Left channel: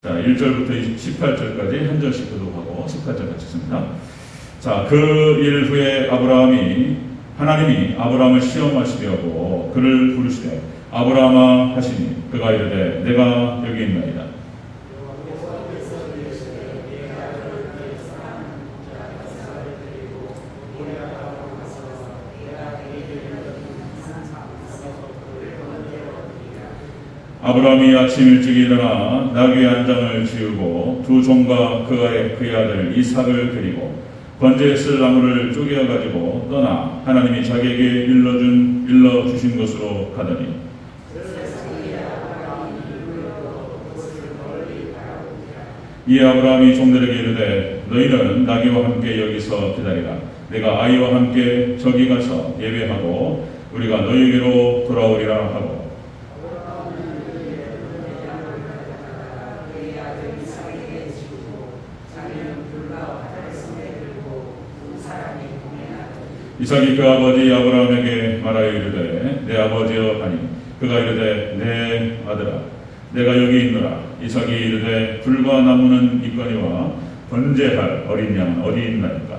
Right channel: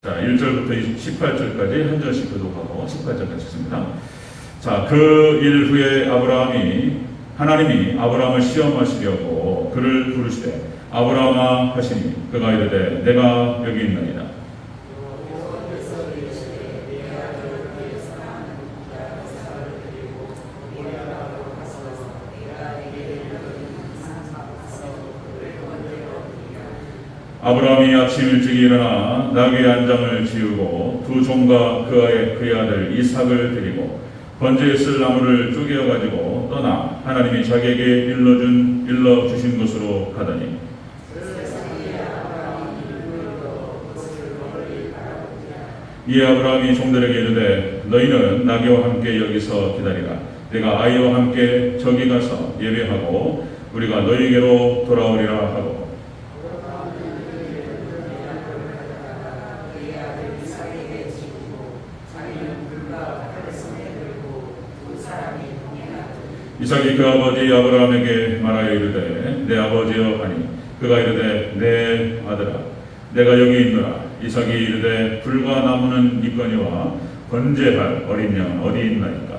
자, 1절부터 18절까지 한 절씩 교독하고 18절까지 읽습니다. 자, 그 일 후에 하나님이 아브라함을 시험하시려고 그를 부르시되 아브라함아 하시니 그가 이르되 내가 여기 있나이다. 아브라함이 아침 일찍 일어나 나귀 한 장을 지우고 두 종과 그의 아들 이삭을 데리고 번제에 쓸 나무를 쪼개어 가지고 떠나 하나님이 자기에게 일러 주신 곳으로 가더니 이 아브라함이 종들에게 이르되 너희는 나귀와 함께 여기서 기다리라. 내가 아이와 함께 저기 가서 예배하고 우리가 너희에게로 돌아오리라 하고 이삭이 그 아버지 아브라함에게 말하여 이르되 내 아버지여 하니 그가 이르되 내 아들아 내가 여기 있노라. 이삭이 이르되 불과 나무는 있거니와 번제할 어린 양 어디 있나이까.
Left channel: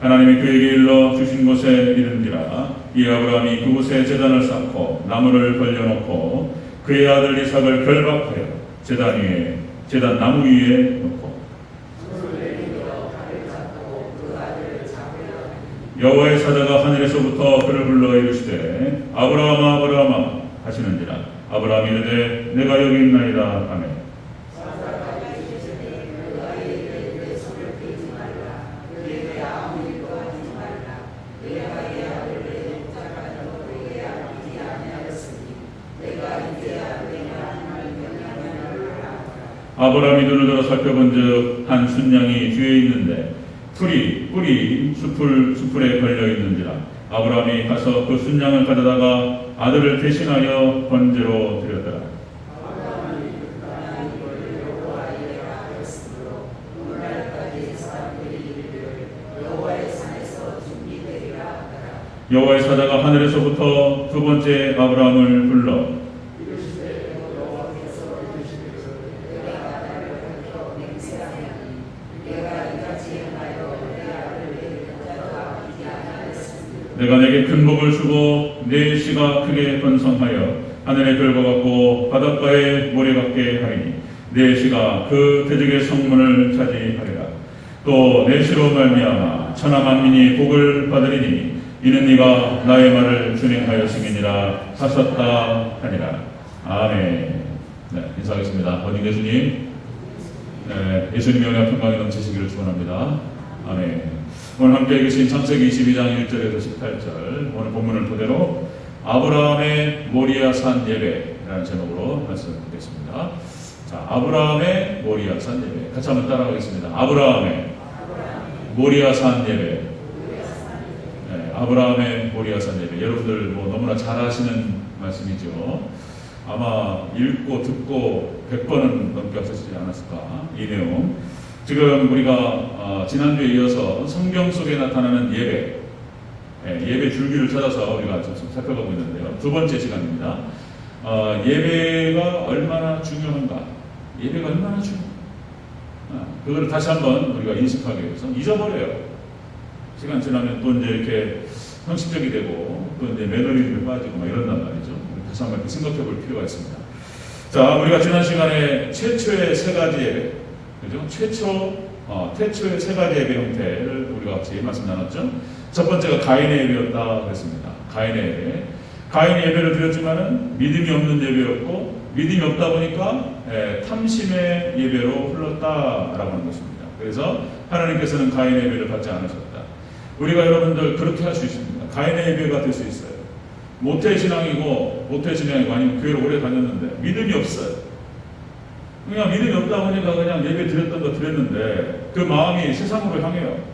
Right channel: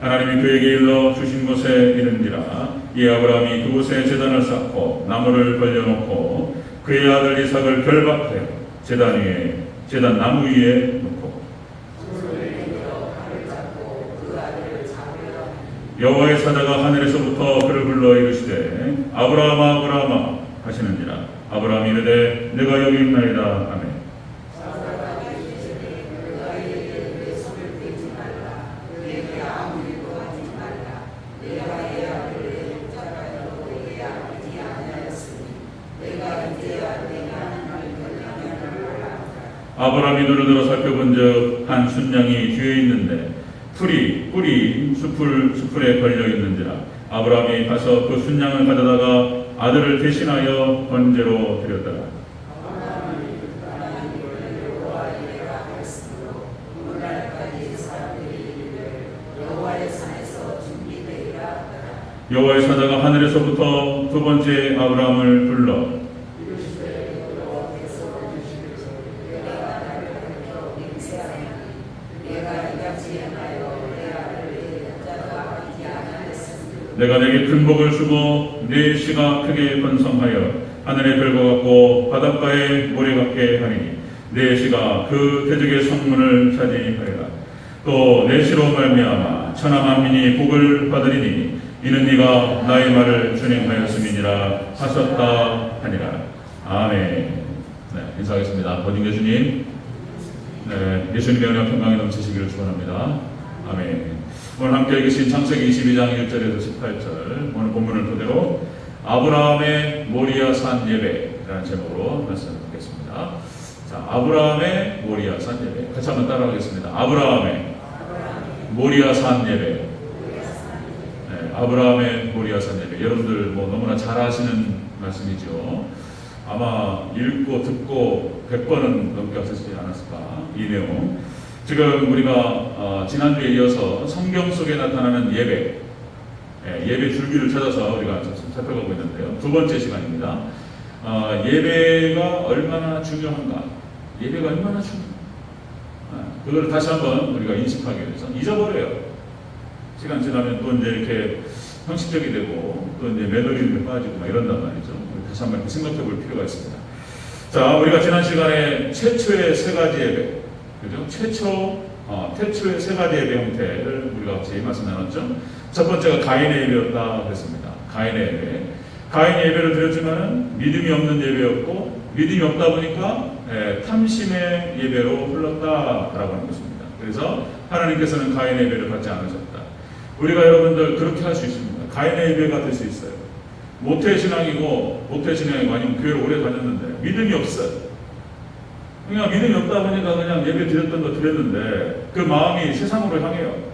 하나님이 그에게 일러 주신 곳에 이른지라. 이 아브라함이 그곳에 제단을 쌓고 나무를 벌려놓고 그의 아들 이삭을 결박하여 제단 나무 위에 놓고 여호와의 사자가 하늘에서부터 그를 불러 이르시되 아브라함아 아브라함아 하시는지라. 아브라함이 이르되 내가 여기 있나이다. 아멘. 아브라함이 눈을 들어 살펴본즉 한 순양이 뒤에 있는데 뿔이 수풀에 걸려 있는지라. 아브라함이 가서 그 순양을 가져다가 아들을 대신하여 번제로 드렸더라. 여호와의 사자가 하늘에서부터 두 번째 아브라함을 불러 내가 내게 큰 복을 주고 네 씨가 크게 번성하여 하늘의 별과 같고 바닷가의 모래 같게 하니 네 씨가 그 대적의 성문을 차지하리라. 또 내 씨로 말미암아 천하 만민이 복을 받으리니 이는 네가 나의 말을 준행하였음이니라 하셨다 하니라. 아멘. 네, 인사하겠습니다. 권인교 주님, 예수님의 은혜와 평강이 넘치시기를 축원합니다. 아멘. 오늘 함께 읽으신 창세기 22장 1절에서 18절 오늘 본문을 토대로 아브라함의 모리아 산 예배라는 제목으로 말씀을 드리겠습니다. 자, 아브라함의 모리아 산 예배 같이 한번 따라하겠습니다. 아브라함의 모리아 산 예배. 네, 아브라함의 모리아 산 예배. 여러분들 너무나 잘 아시는 말씀이죠. 아마 읽고 듣고 100번은 넘게 하시지 않았을까 이 내용. 지금 우리가 지난주에 이어서 성경 속에 나타나는 예배 줄기를 찾아서 우리가 살펴가고 있는데요. 두 번째 시간입니다. 예배가 얼마나 중요한가? 예배가 얼마나 중요한가? 그걸 다시 한번 우리가 인식하기 위해서 잊어버려요. 시간 지나면 또 이제 이렇게 형식적이 되고 또 이제 매너리즘에 빠지고 막 이런단 말이죠. 다시 한번 생각해 볼 필요가 있습니다. 자, 우리가 지난 시간에 최초의 세 가지 예배, 그죠? 태초의 세 가지 예배 형태를 우리가 같이 말씀 나눴죠. 첫 번째가 가인의 예배였다 그랬습니다. 가인의 예배를 드렸지만은 믿음이 없는 예배였고 믿음이 없다 보니까 탐심의 예배로 흘렀다라고 하는 것입니다. 그래서 하나님께서는 가인의 예배를 받지 않으셨다. 우리가 여러분들 그렇게 할 수 있습니다. 가인의 예배가 될 수 있어요. 모태신앙이고 아니면 교회를 오래 다녔는데 믿음이 없어요. 그냥 믿음이 없다 보니까 그냥 예배 드렸던 거 드렸는데 그 마음이 세상으로 향해요.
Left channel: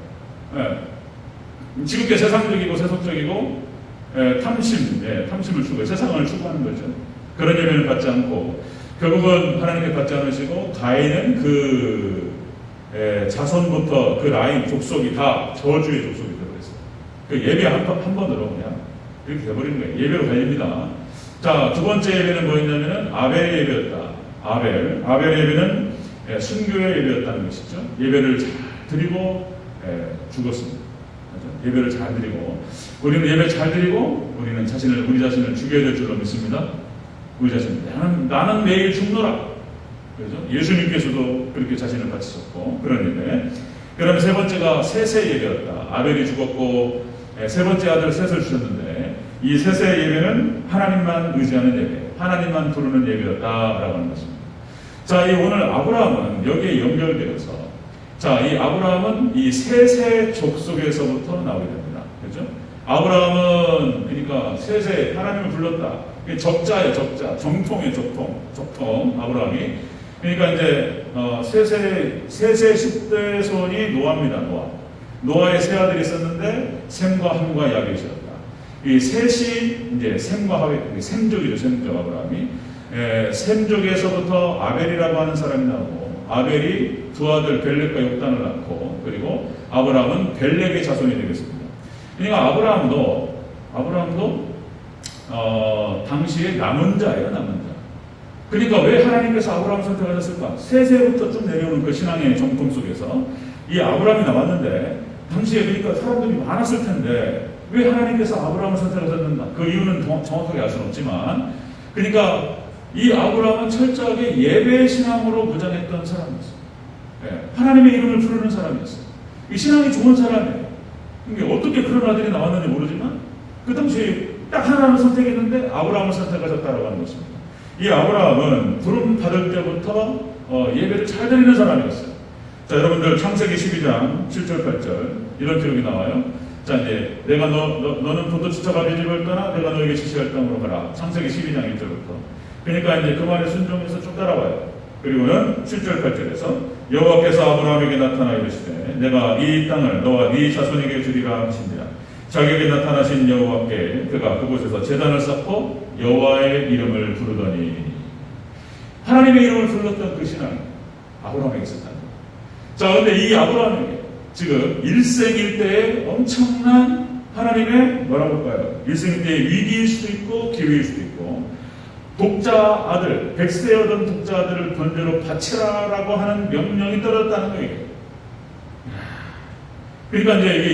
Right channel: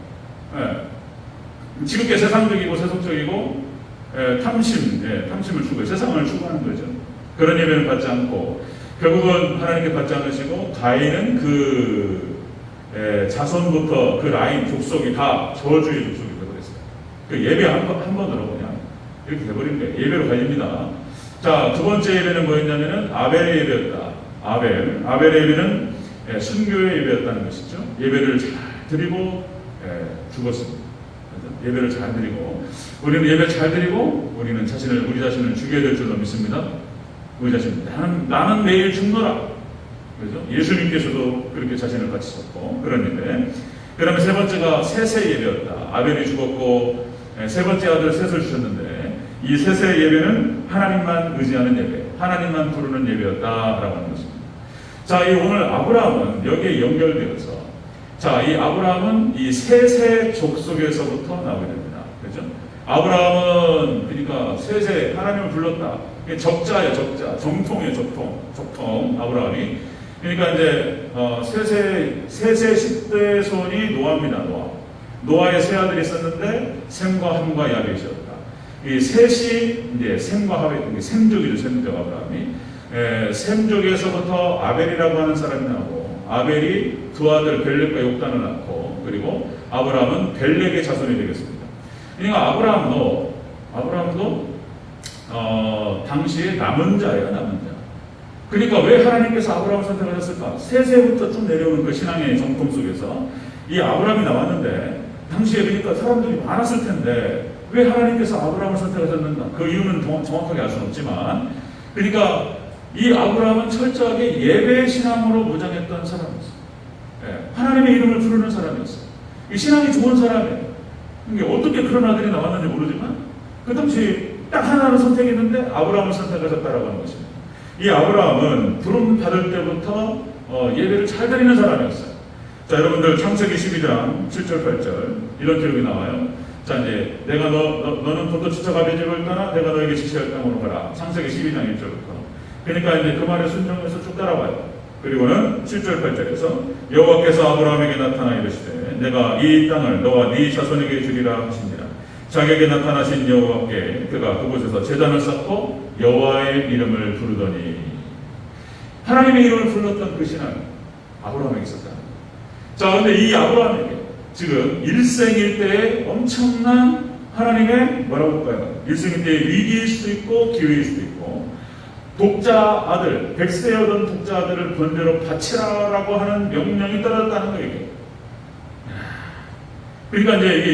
지극히 세상적이고 세속적이고 탐심을 추구해 세상을 추구하는 거죠. 그런 예배를 받지 않고 결국은 하나님께 받지 않으시고 가인은 그 자손부터 그 라인 족속이 다 저주의 족속이 되어있어요. 그 예배 한 번으로 그냥 이렇게 돼버리는 거예요. 예배로 갈립니다. 자, 두 번째 예배는 뭐였냐면은 아벨의 예배였다. 아벨의 예배는 순교의 예배였다는 것이죠. 예배를 잘 드리고 죽었습니다. 예배를 잘 드리고, 우리는 예배 잘 드리고 우리 자신을 죽여야 될 줄로 믿습니다. 우리 자신, 나는 매일 죽노라. 그렇죠? 예수님께서도 그렇게 자신을 바치셨고 그런 예배. 그다음에 세 번째가 셋의 예배였다. 아벨이 죽었고 세 번째 아들 셋을 주셨는데 이 셋의 예배는 하나님만 의지하는 예배, 하나님만 부르는 예배였다라고 하는 것입니다. 자, 이 오늘 아브라함은 여기에 연결되어서, 자, 이 아브라함은 이 셋의 족속에서부터 나오게 됩니다. 그렇죠? 아브라함은 그러니까 셋의 하나님을 불렀다. 적자예요, 적자. 정통이에요, 적통. 아브라함이. 그러니까 이제 셋의 10대 손이 노아입니다. 노아의 세 아들이 있었는데 셈과 함과 야벳이었다. 이 셋이 이제 셈과 하벳, 셈족이죠, 셈족 아브라함이. 셈족에서부터 아벨이라고 하는 사람이 나오고, 아벨이 두 아들 벨렉과 욕단을 낳고, 그리고 아브라함은 벨렉의 자손이 되겠습니다. 그러니까 아브라함도 당시에 남은 자예요, 남은 자. 그러니까 왜 하나님께서 아브라함을 선택하셨을까? 세세부터 쭉 내려오는 그 신앙의 정통 속에서 이 아브라함이 나왔는데, 당시에 그러니까 사람들이 많았을 텐데 왜 하나님께서 아브라함을 선택하셨는가? 그 이유는 정확하게 알 수는 없지만, 그러니까 이 아브라함은 철저하게 예배 신앙으로 무장했던 사람이었어요. 하나님의 이름을 부르는 사람이었어요. 이 신앙이 좋은 사람이에요. 그러니까 어떻게 그런 아들이 나왔는지 모르지만 그 당시 딱 하나를 선택했는데 아브라함을 선택하셨다라고 하는 것입니다. 이 아브라함은 부름 받을 때부터 예배를 잘 드리는 사람이었어요. 자, 여러분들 창세기 12장 7절 8절 이런 기록이 나와요. 자, 이제 내가 너는 본토 지쳐가 베집을 떠나 내가 너에게 지시할 땅으로 가라. 창세기 12장 1절부터. 그러니까 이제 그 말에 순종해서 쭉 따라와요. 그리고는 7절 8절에서 여호와께서 아브라함에게 나타나 이르시되 내가 이 땅을 너와 네 자손에게 주리라 하시니라. 자기에게 나타나신 여호와께 그가 그곳에서 제단을 쌓고 여호와의 이름을 부르더니, 하나님의 이름을 불렀던 그 신앙이 아브라함에게 있었다. 자, 근데 이 아브라함에게 지금 일생일대의 엄청난 하나님의 뭐라고 할까요? 일생일대의 위기일 수도 있고 기회일 수도 있고, 독자 아들, 백세여던 독자 아들을 번제로 바치라라고 하는 명령이 떨어졌다는 거예요. 그러니까 이제 이게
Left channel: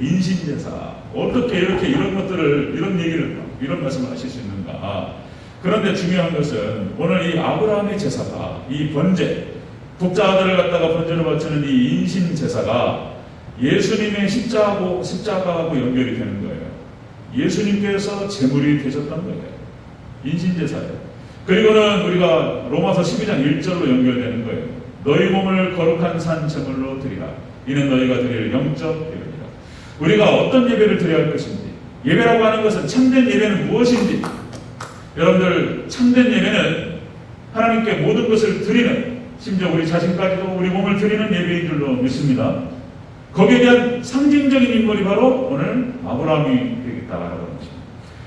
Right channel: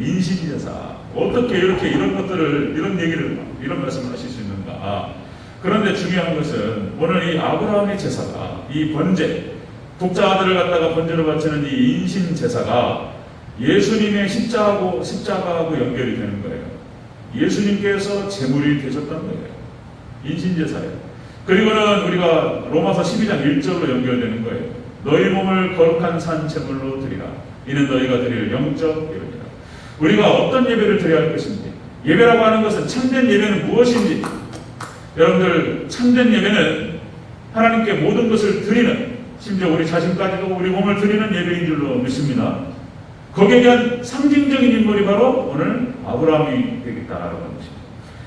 인신제사. 어떻게 이렇게 이런 것들을, 이런 얘기를, 이런 말씀을 하실 수 있는가. 그런데 중요한 것은 오늘 이 아브라함의 제사가, 이 번제, 독자 아들을 갖다가 번제로 바치는 이 인신제사가 예수님의 십자가하고 연결이 되는 거예요. 예수님께서 제물이 되셨던 거예요. 인신제사예요. 그리고는 우리가 로마서 12장 1절로 연결되는 거예요. 너희 몸을 거룩한 산 제물로 드리라. 이는 너희가 드릴 영적 예배니라. 우리가 어떤 예배를 드려야 할 것인지, 예배라고 하는 것은 참된 예배는 무엇인지, 여러분들 참된 예배는 하나님께 모든 것을 드리는, 심지어 우리 자신까지도 우리 몸을 드리는 예배인 줄로 믿습니다. 거기에 대한 상징적인 인물이 바로 오늘 아브라함이 되겠다라고 하는 것입니다.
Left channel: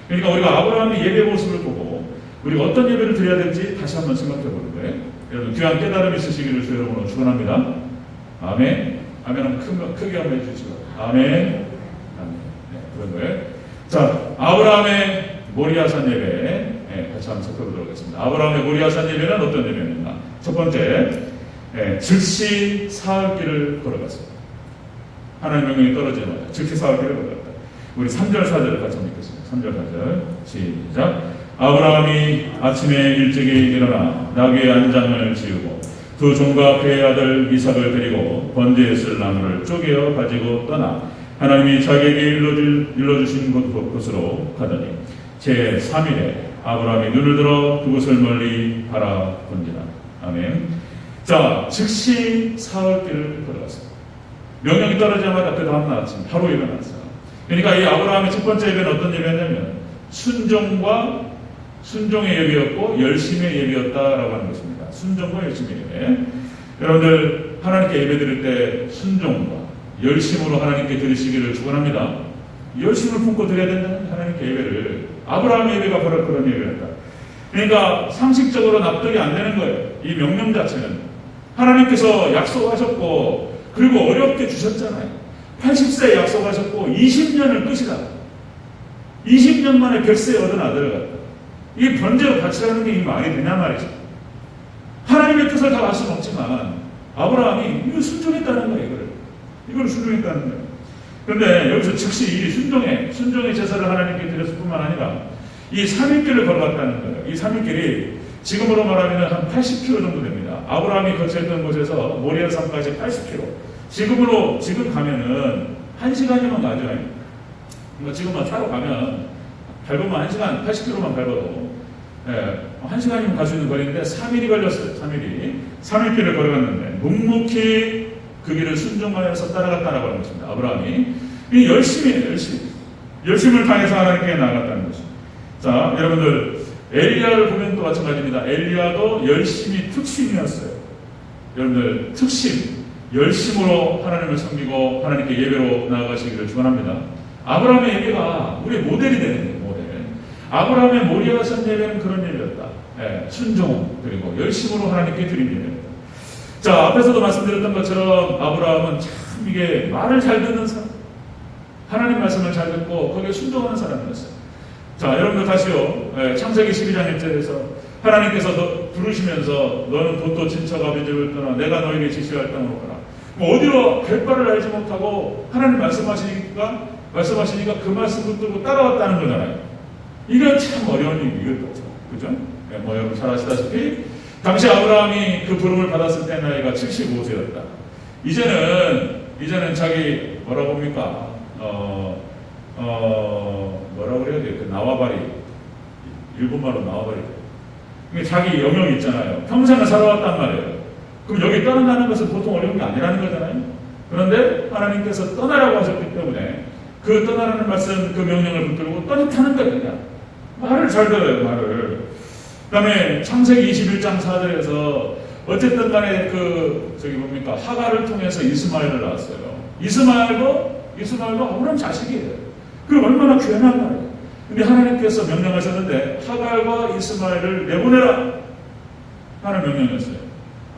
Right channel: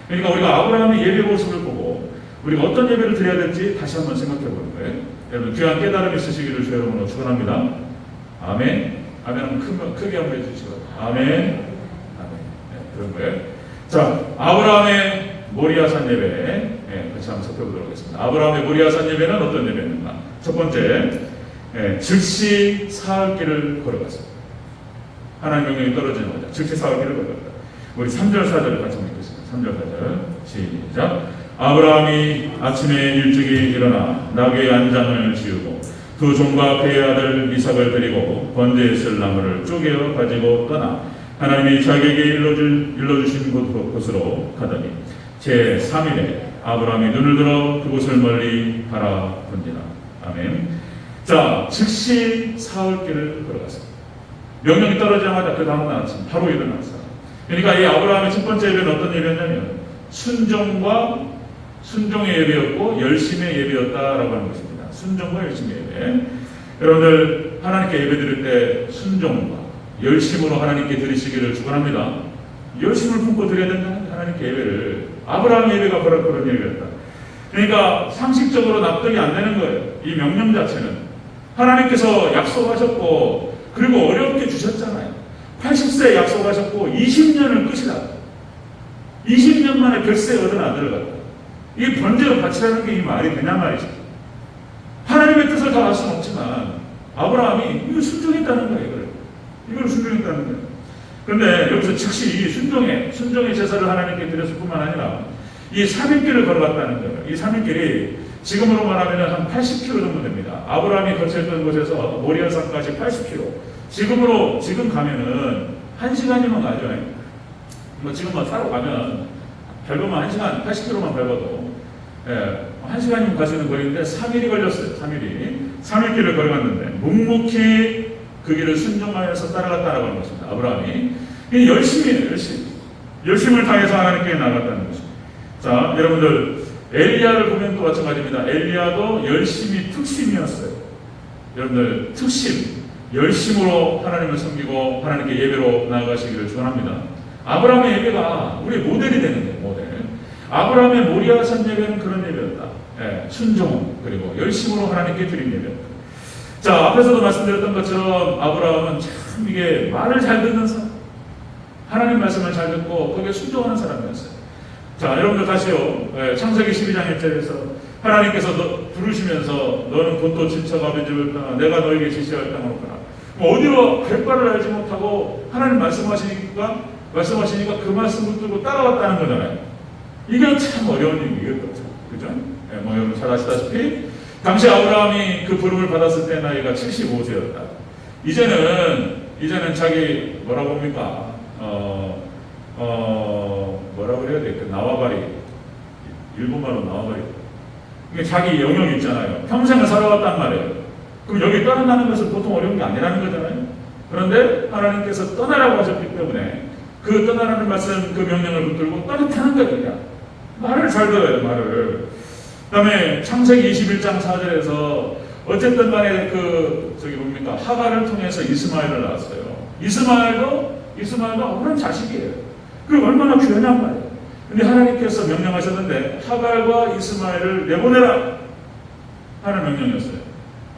그러니까 우리가 아브라함의 예배 모습을 보고 우리가 어떤 예배를 드려야 될지 다시 한번 생각해 보는 거예요. 여러분 귀한 깨달음이 있으시기를 주 여러분으로 축원합니다. 아멘. 아멘 한번 크게 한번 해주시고 아멘. 아멘. 네, 그런 거예요. 자, 아브라함의 모리아산 예배 같이 한번 살펴보도록 하겠습니다. 아브라함의 모리아산 예배는 어떤 예배입니까? 첫 번째, 즉시 사흘길을 걸어갔습니다. 하나님 명령이 떨어지자마자 즉시 사흘길을 걸어갔다. 우리 3절 4절을 같이 읽겠습니다. 3절 4절 시작. 아브라함이 아침에 일찍이 일어나 나귀의 안장을 지우고 두 종과 그의 아들 이삭을 데리고 번제에 쓸 나무를 쪼개어 가지고 떠나 하나님이 자기에게 일러주신 곳으로 가더니 제3일에 아브라함이 눈을 들어 그곳을 멀리 바라본지라. 아멘. 자, 즉시 사흘길을 걸어갔습니다. 명령이 떨어지자마자 그 다음날 아침 바로 일어났어요. 그러니까 이 아브라함의 첫 번째 예배는 어떤 예배냐면 순종의 예배였고 열심의 예배였다라고 하는 것입니다. 순종과 열심의 예배. 여러분들 하나님께 예배 드릴 때 순종과 열심으로 하나님께 드리시기를 축원합니다. 열심을 품고 드려야 된다. 하나님께 예배를. 아브라함 예배가 바로 그런 예배였다. 그러니까 상식적으로 납득이 안 되는 거예요. 이 명령 자체는. 하나님께서 약속하셨고 그리고 어렵게 주셨잖아요. 80세에 약속하셨고 20년을 끝이다. 20년 만에 100세에 얻은 아들을 갖다. 이 번제로 바치라는 게 이 말이 되냐 말이죠. 하나님의 뜻을 다 알 수는 없지만 아브라함이 이걸 순종했다는 거예요. 이걸 순종했다는 거예요. 그런데 여기서 즉시 이 순종의 제사를 하나님께 드렸을 뿐만 아니라 이 3일길을 걸어갔다는 거예요. 이 3일길이 지금으로 말하면 한 80km 정도 됩니다. 아브라함이 거주했던 곳에서 모리아산까지 80km. 지금 가면은 1시간이면 가죠. 뭐 지금만 차로 가면 밟으면 1시간 80km만 밟아도 1시간이면 갈 수 있는 거리인데 3일이 걸렸어요. 3일 길을 걸어갔는데 묵묵히 그 길을 순종하면서 따라갔다라고 하는 것입니다. 아브라함이 열심을 다해서 하나님께 나아갔다는 것입니다. 자, 여러분들 엘리야를 보면 또 마찬가지입니다. 엘리야도 열심히 특심이었어요. 여러분들 열심으로 하나님을 섬기고 하나님께 예배로 나아가시기를 축원합니다. 아브라함의 예배가 우리의 모델이 되는 거예요. 모델. 아브라함의 모리아산 예배는 그런 예배였다. 순종 그리고 열심으로 하나님께 드린 예배였다. 자, 앞에서도 말씀드렸던 것처럼 아브라함은 참 이게 말을 잘 듣는 사람, 하나님 말씀을 잘 듣고 거기에 순종하는 사람이었어요. 자, 여러분들 다시요. 창세기 12장 1절에서 하나님께서 부르시면서 너는 돈도 친척 아버지를 떠나 내가 너에게 지시할 땅으로 가라. 어디로 갈 바를 알지 못하고 하나님 말씀하시니까 그 말씀을 듣고 따라왔다는 거잖아요. 이건 참 어려운 일이거든요. 그죠? 뭐 여러분 잘 아시다시피 당시 아브라함이 그 부름을 받았을 때 나이가 75세였다. 이제는 자기 뭐라고 합니까? 뭐라고 그래야 돼? 그 나와바리, 일본말로 나와바리. 이게 자기 영역이 있잖아요. 평생을 살아왔단 말이에요. 그럼 여기 떠나가는 것은 보통 어려운 게 아니라는 거잖아요. 그런데 하나님께서 떠나라고 하셨기 때문에 그 떠나라는 말씀, 그 명령을 붙들고 떠나타는 거예요. 말을 잘 들어요, 말을. 그 다음에 창세기 21장 4절에서 어쨌든 간에 하갈을 통해서 이스마엘을 낳았어요. 이스마엘도 아브라함 자식이에요. 그럼 얼마나 귀하냔 말이에요. 근데 하나님께서 명령하셨는데 하갈과 이스마엘을 내보내라 하는 명령이었어요.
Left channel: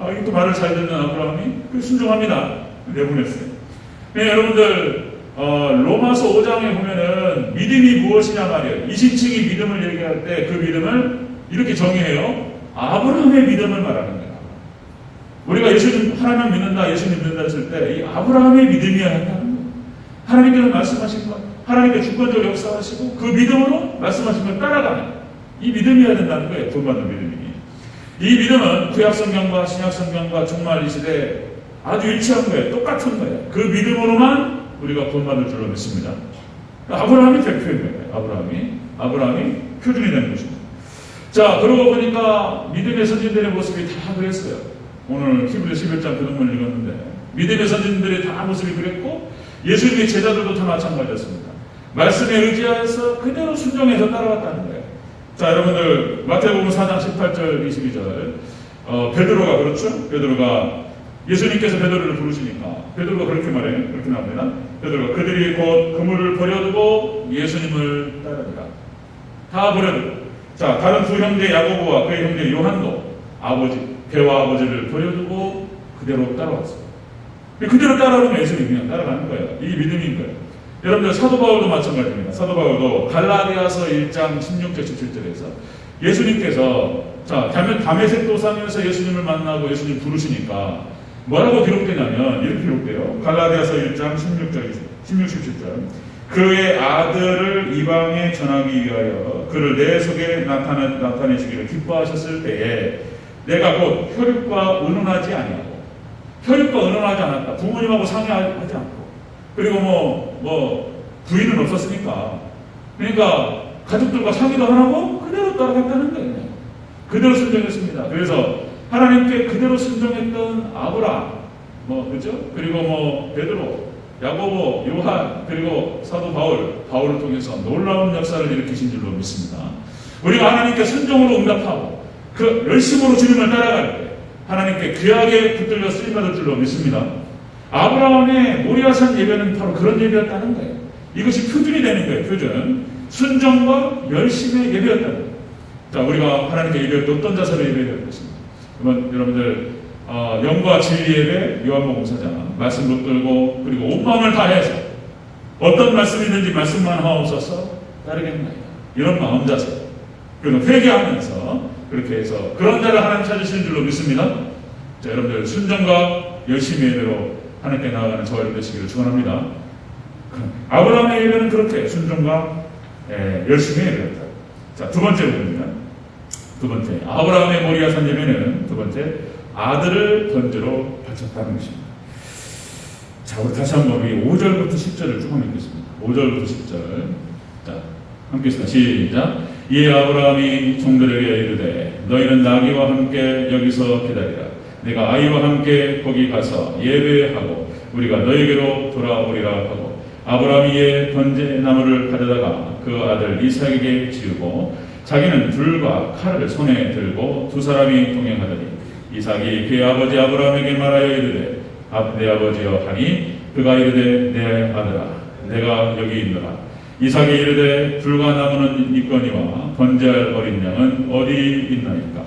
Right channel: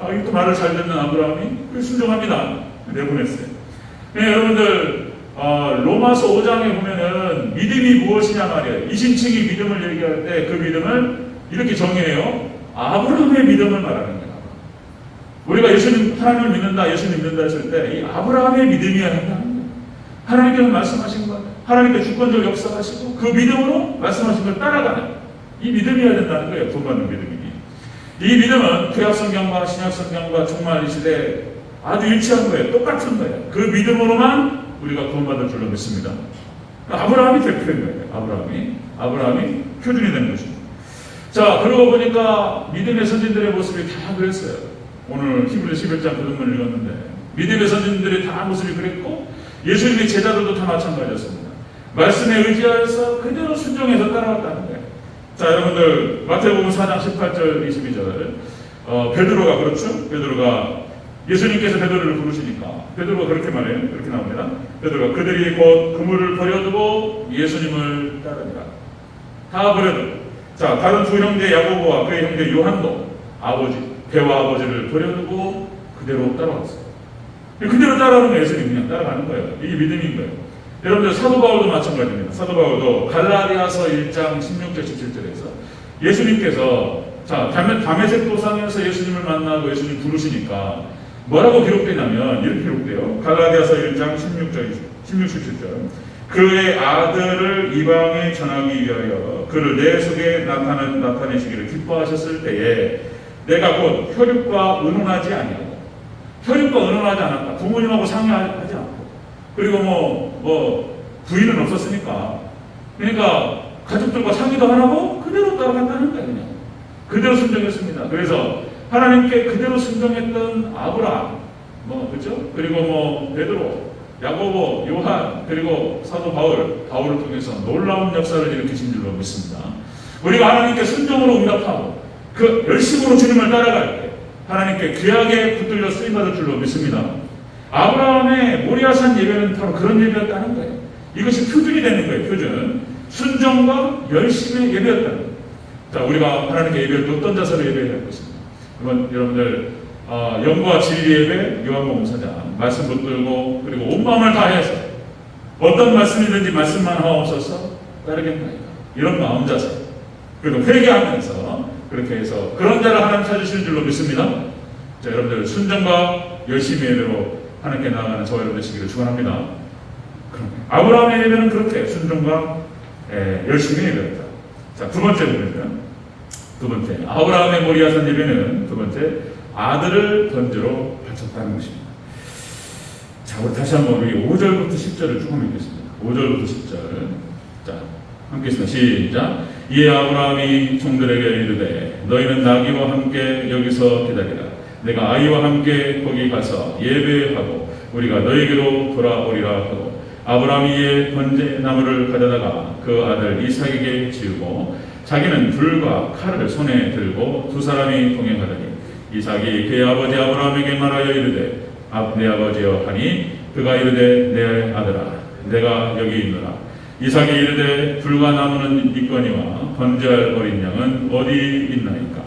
이것도 말을 잘 듣는 아브라함이 순종합니다. 내보냈어요. 여러분들 로마서 5장에 보면은 믿음이 무엇이냐 말이에요. 이신칭이 믿음을 얘기할 때 그 믿음을 이렇게 정의해요. 아브라함의 믿음을 말하는 거예요. 우리가 하나님을 믿는다, 예수님 믿는다 했을 때 이 아브라함의 믿음이어야 한다는 거예요. 하나님께서 말씀하신 것, 하나님께 주권적으로 역사하시고 그 믿음으로 말씀하신 걸 따라가는 이 믿음이어야 된다는 거예요. 구원받는 믿음이. 이 믿음은 구약성경과 신약성경과 정말 이 시대에 아주 일치한 거예요. 똑같은 거예요. 그 믿음으로만 우리가 구원받을 줄로 믿습니다. 아브라함이 대표인 거예요. 아브라함이 표준이 되는 것입니다. 자, 그러고 보니까 믿음의 선진들의 모습이 다 그랬어요. 오늘 히브리 11장 그 본문을 읽었는데 믿음의 선진들의 다 모습이 그랬고 예수님의 제자들도 다 마찬가지였습니다. 말씀에 의지하여서 그대로 순종해서 따라왔다는 거예요. 자, 여러분들 마태복음 4장 18절 22절 베드로가 그렇죠? 베드로가 예수님께서 베드로를 부르시니까 베드로가 그렇게 말해요. 그렇게 나옵니다. 베드로가 그들이 곧 그물을 버려두고 예수님을 따르더라. 다 버려두고. 자, 다른 두 형제 야고보와 그의 형제 요한도 배와 아버지를 버려두고 그대로 따라왔어요. 그대로 따라오는 예수님 그냥 따라가는 거예요. 이게 믿음인 거예요. 여러분들 사도 바울도 마찬가지입니다. 사도 바울도 갈라디아서 1장 16절 17절에서 예수님께서 다메섹 도상에서 예수님을 만나고 예수님 부르시니까 뭐라고 기록되냐면 이렇게 기록돼요. 갈라디아서 1장 16, 17절 그의 아들을 이방에 전하기 위하여 그를 내 속에 나타내시기를 기뻐하셨을 때에 내가 곧 혈육과 의논하지 아니하고 혈육과 의논하지 않았다. 부모님하고 상의하지 않고 그리고 뭐 부인은 없었으니까 그러니까 가족들과 상의도 안 하고 그대로 따라간다는 거예요. 그대로 순종했습니다. 그래서 하나님께 그대로 순종했던 아브라함, 그렇죠? 그리고 베드로, 야고보, 요한, 그리고 사도 바울을 통해서 놀라운 역사를 일으키신 줄로 믿습니다. 우리가 하나님께 순종으로 응답하고 그 열심으로 주님을 따라갈 때 하나님께 귀하게 붙들려 쓰임받을 줄로 믿습니다. 아브라함의 모리아산 예배는 바로 그런 예배였다는 거예요. 이것이 표준이 되는 거예요. 표준. 순종과 열심의 예배였다는 거예요. 자, 우리가 하나님께 예배할 때 어떤 자세로 예배해야 될 것입니다. 그러면 여러분들 영과 진리 예배 요한복 목사장 말씀 붙들고 그리고 온 마음을 다해서 어떤 말씀이든지 말씀만 하옵소서 따르겠나이다. 이런 마음 자세. 그리고 회개하면서 그렇게 해서 그런 자를 하나님 찾으시는 줄로 믿습니다. 자, 여러분들 순종과 열심히 예배로 하나님께 나아가는 저와 여러분 되시기를 축원합니다. 아브라함의 예배는 그렇게 순종과 열심히 예배했다. 자, 두 번째로 보면 두 번째 아브라함의 모리아산 예배는 두 번째 아들을 번제로 바쳤다는 것입니다. 자, 우리 다시 한번 우리 5절부터 10절을 쭉 읽겠습니다. 5절부터 10절. 자, 함께 있습니다. 시작. 이에 아브라함이 종들에게 이르되 너희는 나귀와 함께 여기서 기다리라. 내가 아이와 함께 거기 가서 예배하고 우리가 너에게로 돌아오리라 하고 아브라함이 이에 번제 나무를 가져다가 그 아들 이삭에게 지우고 자기는 불과 칼을 손에 들고 두 사람이 동행하더니 이삭이 그의 아버지 아브라함에게 말하여 이르되 내 아버지여 하니 그가 이르되 내 아들아 내가 여기 있노라. 이삭이 이르되 불과 나무는 있거니와 번제할 어린 양은 어디 있나이까.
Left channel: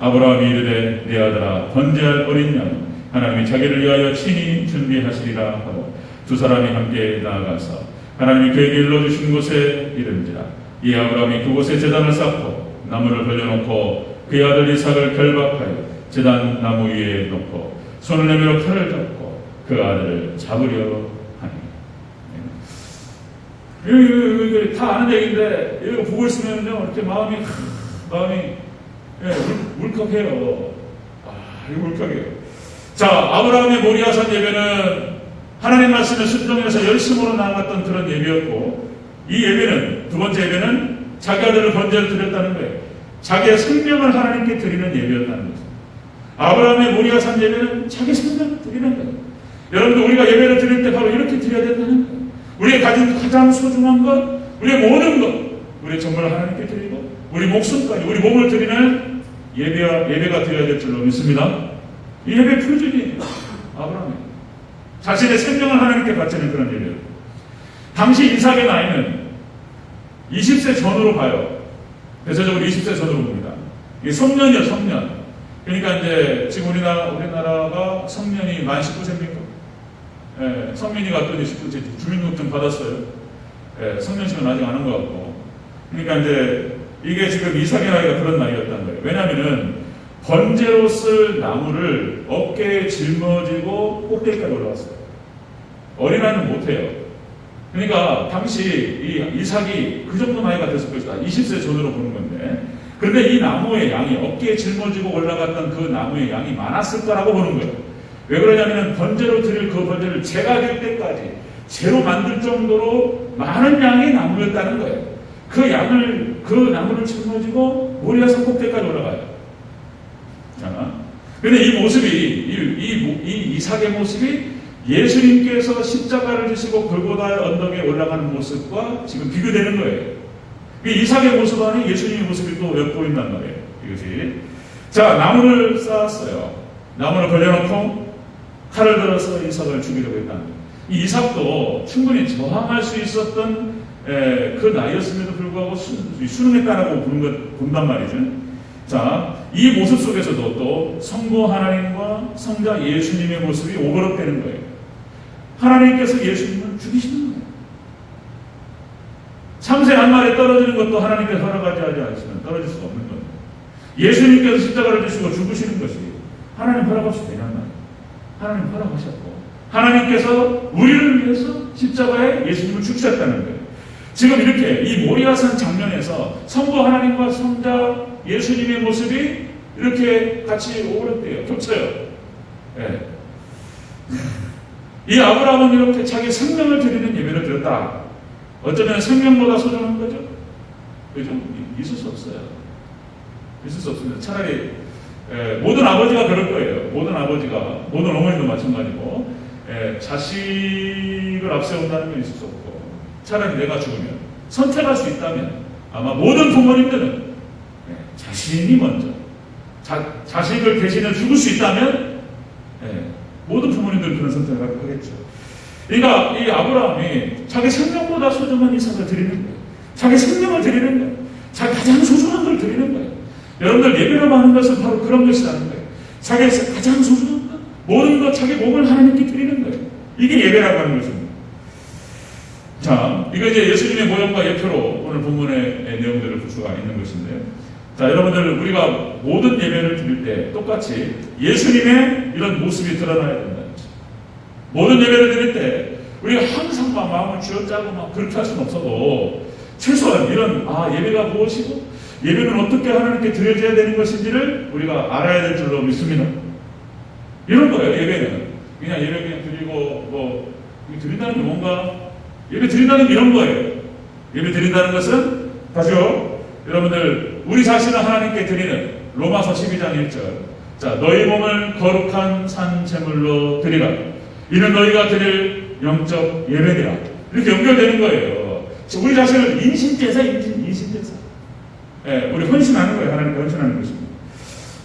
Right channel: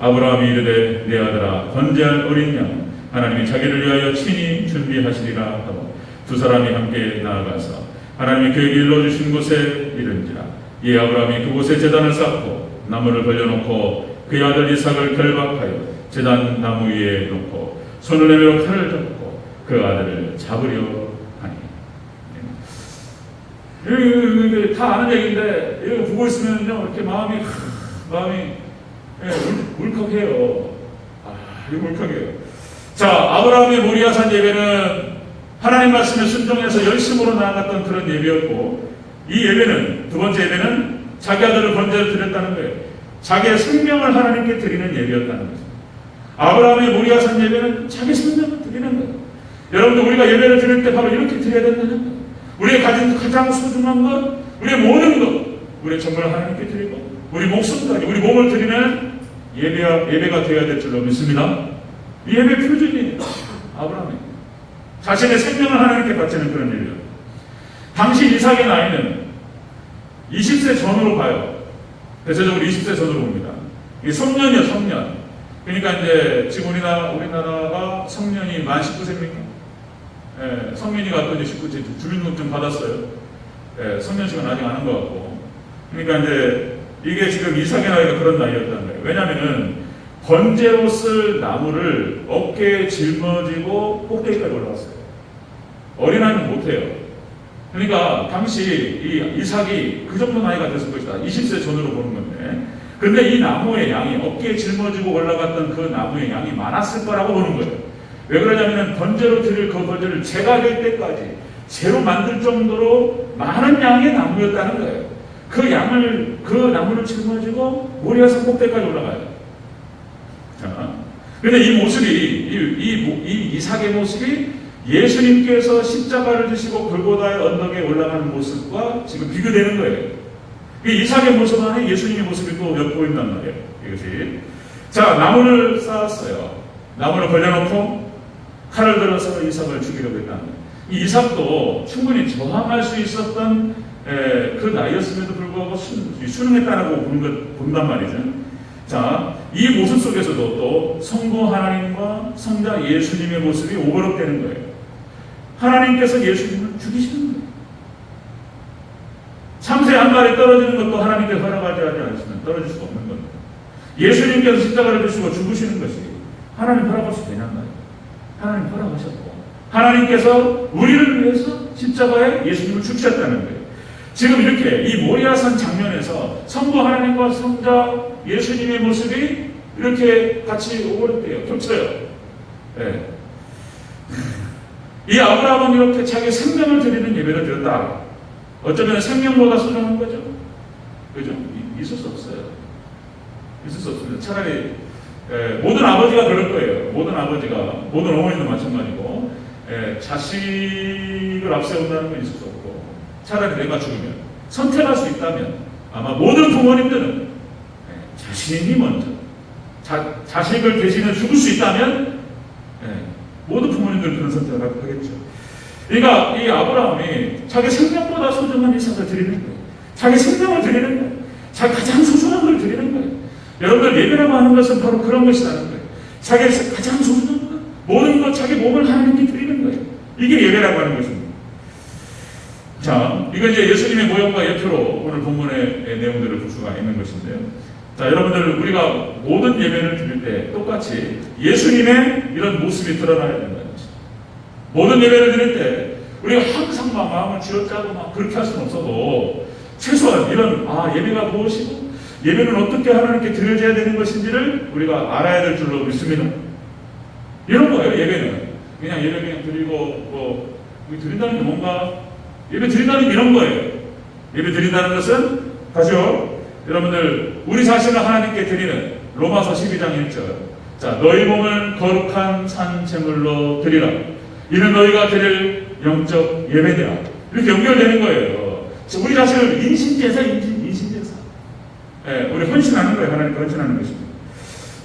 아브라함이 이르되 내 아들아 번제할 어린 양은 하나님이 자기를 위하여 친히 준비하시리라 하고 두 사람이 함께 나아가서 하나님이 그에게 일러주신 곳에 이른지라. 이 아브라함이 그곳에 제단을 쌓고 나무를 벌려놓고 그의 아들 이삭을 결박하여 제단 나무 위에 놓고 손을 내밀어 칼을 잡고 그 아들을 잡으려 하니. 다 아는 얘기인데 이거 보고 있으면요 이렇게 마음이 울컥해요. 이거 울컥해요. 자, 아브라함의 모리아산 예배는 하나님 말씀에 순종해서 열심으로 나아갔던 그런 예배였고, 이 예배는 두 번째 예배는 자기 아들을 번제로 드렸다는 거예요. 자기의 생명을 하나님께 드리는 예배였다는 거죠. 아브라함의 모리아산 예배는 자기 생명을 드리는 거예요. 여러분들 우리가 예배를 드릴 때 바로 이렇게 드려야 된다는 거예요. 우리의 가장 소중한 것, 우리의 모든 것, 우리 정말 하나님께 드리고 우리 목숨까지 우리 몸을 드리는 예배가 되어야 될 줄로 믿습니다. 이 예배 표준이에요. 아브라함이 자신의 생명을 하나님께 바치는 그런 예배예요. 당시 이삭의 나이는 20세 전으로 봐요. 대체적으로 20세 전으로 봅니다. 이 성년이요, 성년. 그러니까 이제 지금 우리나라가 성년이 만 19세입니까? 예, 성민이가 어떤 19세 주민등록증 받았어요. 예, 성년식은 아직 안 한 것 같고. 그러니까 이제 이게 지금 이삭의 나이가 그런 나이였다는 거예요. 왜냐면은 번제로 쓸 나무를 어깨에 짊어지고 꼭대기까지 올라왔어요. 어린아이는 못해요. 그러니까 당시 이 이삭이 그 정도 나이가 됐을 것이다. 20세 전으로 보는 건데. 근데 이 나무의 양이 어깨에 짊어지고 올라갔던 그 나무의 양이 많았을 거라고 보는 거예요. 왜 그러냐면 번제로 드릴 그 번제를 제가 될 때까지 재로 만들 정도로 많은 양의 나무였다는 거예요. 그 나무를 짊어지고 모리아산 꼭대기까지 올라가요. 자, 근데 이 모습이, 이 이삭의 모습이 예수님께서 십자가를 지시고 골고다 언덕에 올라가는 모습과 지금 비교되는 거예요. 이 이삭의 모습 안에 예수님의 모습이 또 엿보인단 말이에요. 이것이. 자, 나무를 쌓았어요. 나무를 벌려놓고 칼을 들어서 이삭을 죽이려고 했다는 거예요. 이 이삭도 충분히 저항할 수 있었던 그 나이였음에도 불구하고 순응했다라고 본단 말이죠. 자, 이 모습 속에서도 또 성부 하나님과 성자 예수님의 모습이 오버랩되는 거예요. 하나님께서 예수님을 죽이시는 거예요. 참새 한 마리 떨어지는 것도 하나님께서 허락하지 않으시면 떨어질 수가 없는 겁니다. 예수님께서 십자가를 지시고 죽으시는 것이 하나님 허락할 수 되는 거예요. 하나님 허락하셨고 하나님께서 우리를 위해서 십자가에 예수님을 죽이셨다는 거예요. 지금 이렇게 이 모리아산 장면에서 성부 하나님과 성자 예수님의 모습이 이렇게 같이 오버랩돼요. 겹쳐요. 네. 이 아브라함은 이렇게 자기 생명을 드리는 예배를 드렸다. 어쩌면 생명보다 소중한 거죠. 그죠? 있을 수 없어요. 있을 수 없습니다. 차라리 모든 아버지가 그럴 거예요. 모든 아버지가, 모든 어머니도 마찬가지고 자식을 앞세운다는 건 있을 수 없고 차라리 내가 죽으면 선택할 수 있다면 아마 모든 부모님들은 자신이 먼저 자식을 대신해 죽을 수 있다면 모든 부모님들 그런 선택을 하겠죠. 그러니까 이 아브라함이 자기 생명보다 소중한 이삭을 드리는 거예요. 자기 생명을 드리는 거예요. 자기 가장 소중한 걸 드리는 거예요. 여러분들 예배라고 하는 것은 바로 그런 것이라는 거예요. 자기 가장 소중한 몸을 하나님께 드리는 거예요. 이게 예배라고 하는 것입니다. 자, 이거 이제 예수님의 모양과 예표로 오늘 본문의 내용들을 볼 수가 있는 것인데요. 자, 여러분들, 우리가 모든 예배를 드릴 때 똑같이 예수님의 이런 모습이 드러나야 된다는 것입니다. 모든 예배를 드릴 때 우리가 항상 막 마음을 쥐어짜고 막 그렇게 할 수는 없어도 최소한 이런 예배가 무엇이고 예배는 어떻게 하나님께 드려져야 되는 것인지를 우리가 알아야 될 줄로 믿습니다. 이런 거예요. 예배는 그냥 예배 그냥 드리고 드린다는 게 뭔가, 예배 드린다는 게 이런 거예요. 예배 드린다는 것은 다시요, 여러분들, 우리 자신을 하나님께 드리는 로마서 12장 1절. 자, 너희 몸을 거룩한 산 제물로 드리라. 이는 너희가 드릴 영적 예배니라. 이렇게 연결되는 거예요. 우리 자신을 인신제사. 예, 우리 헌신하는 거예요. 하나님 헌신하는 것입니다.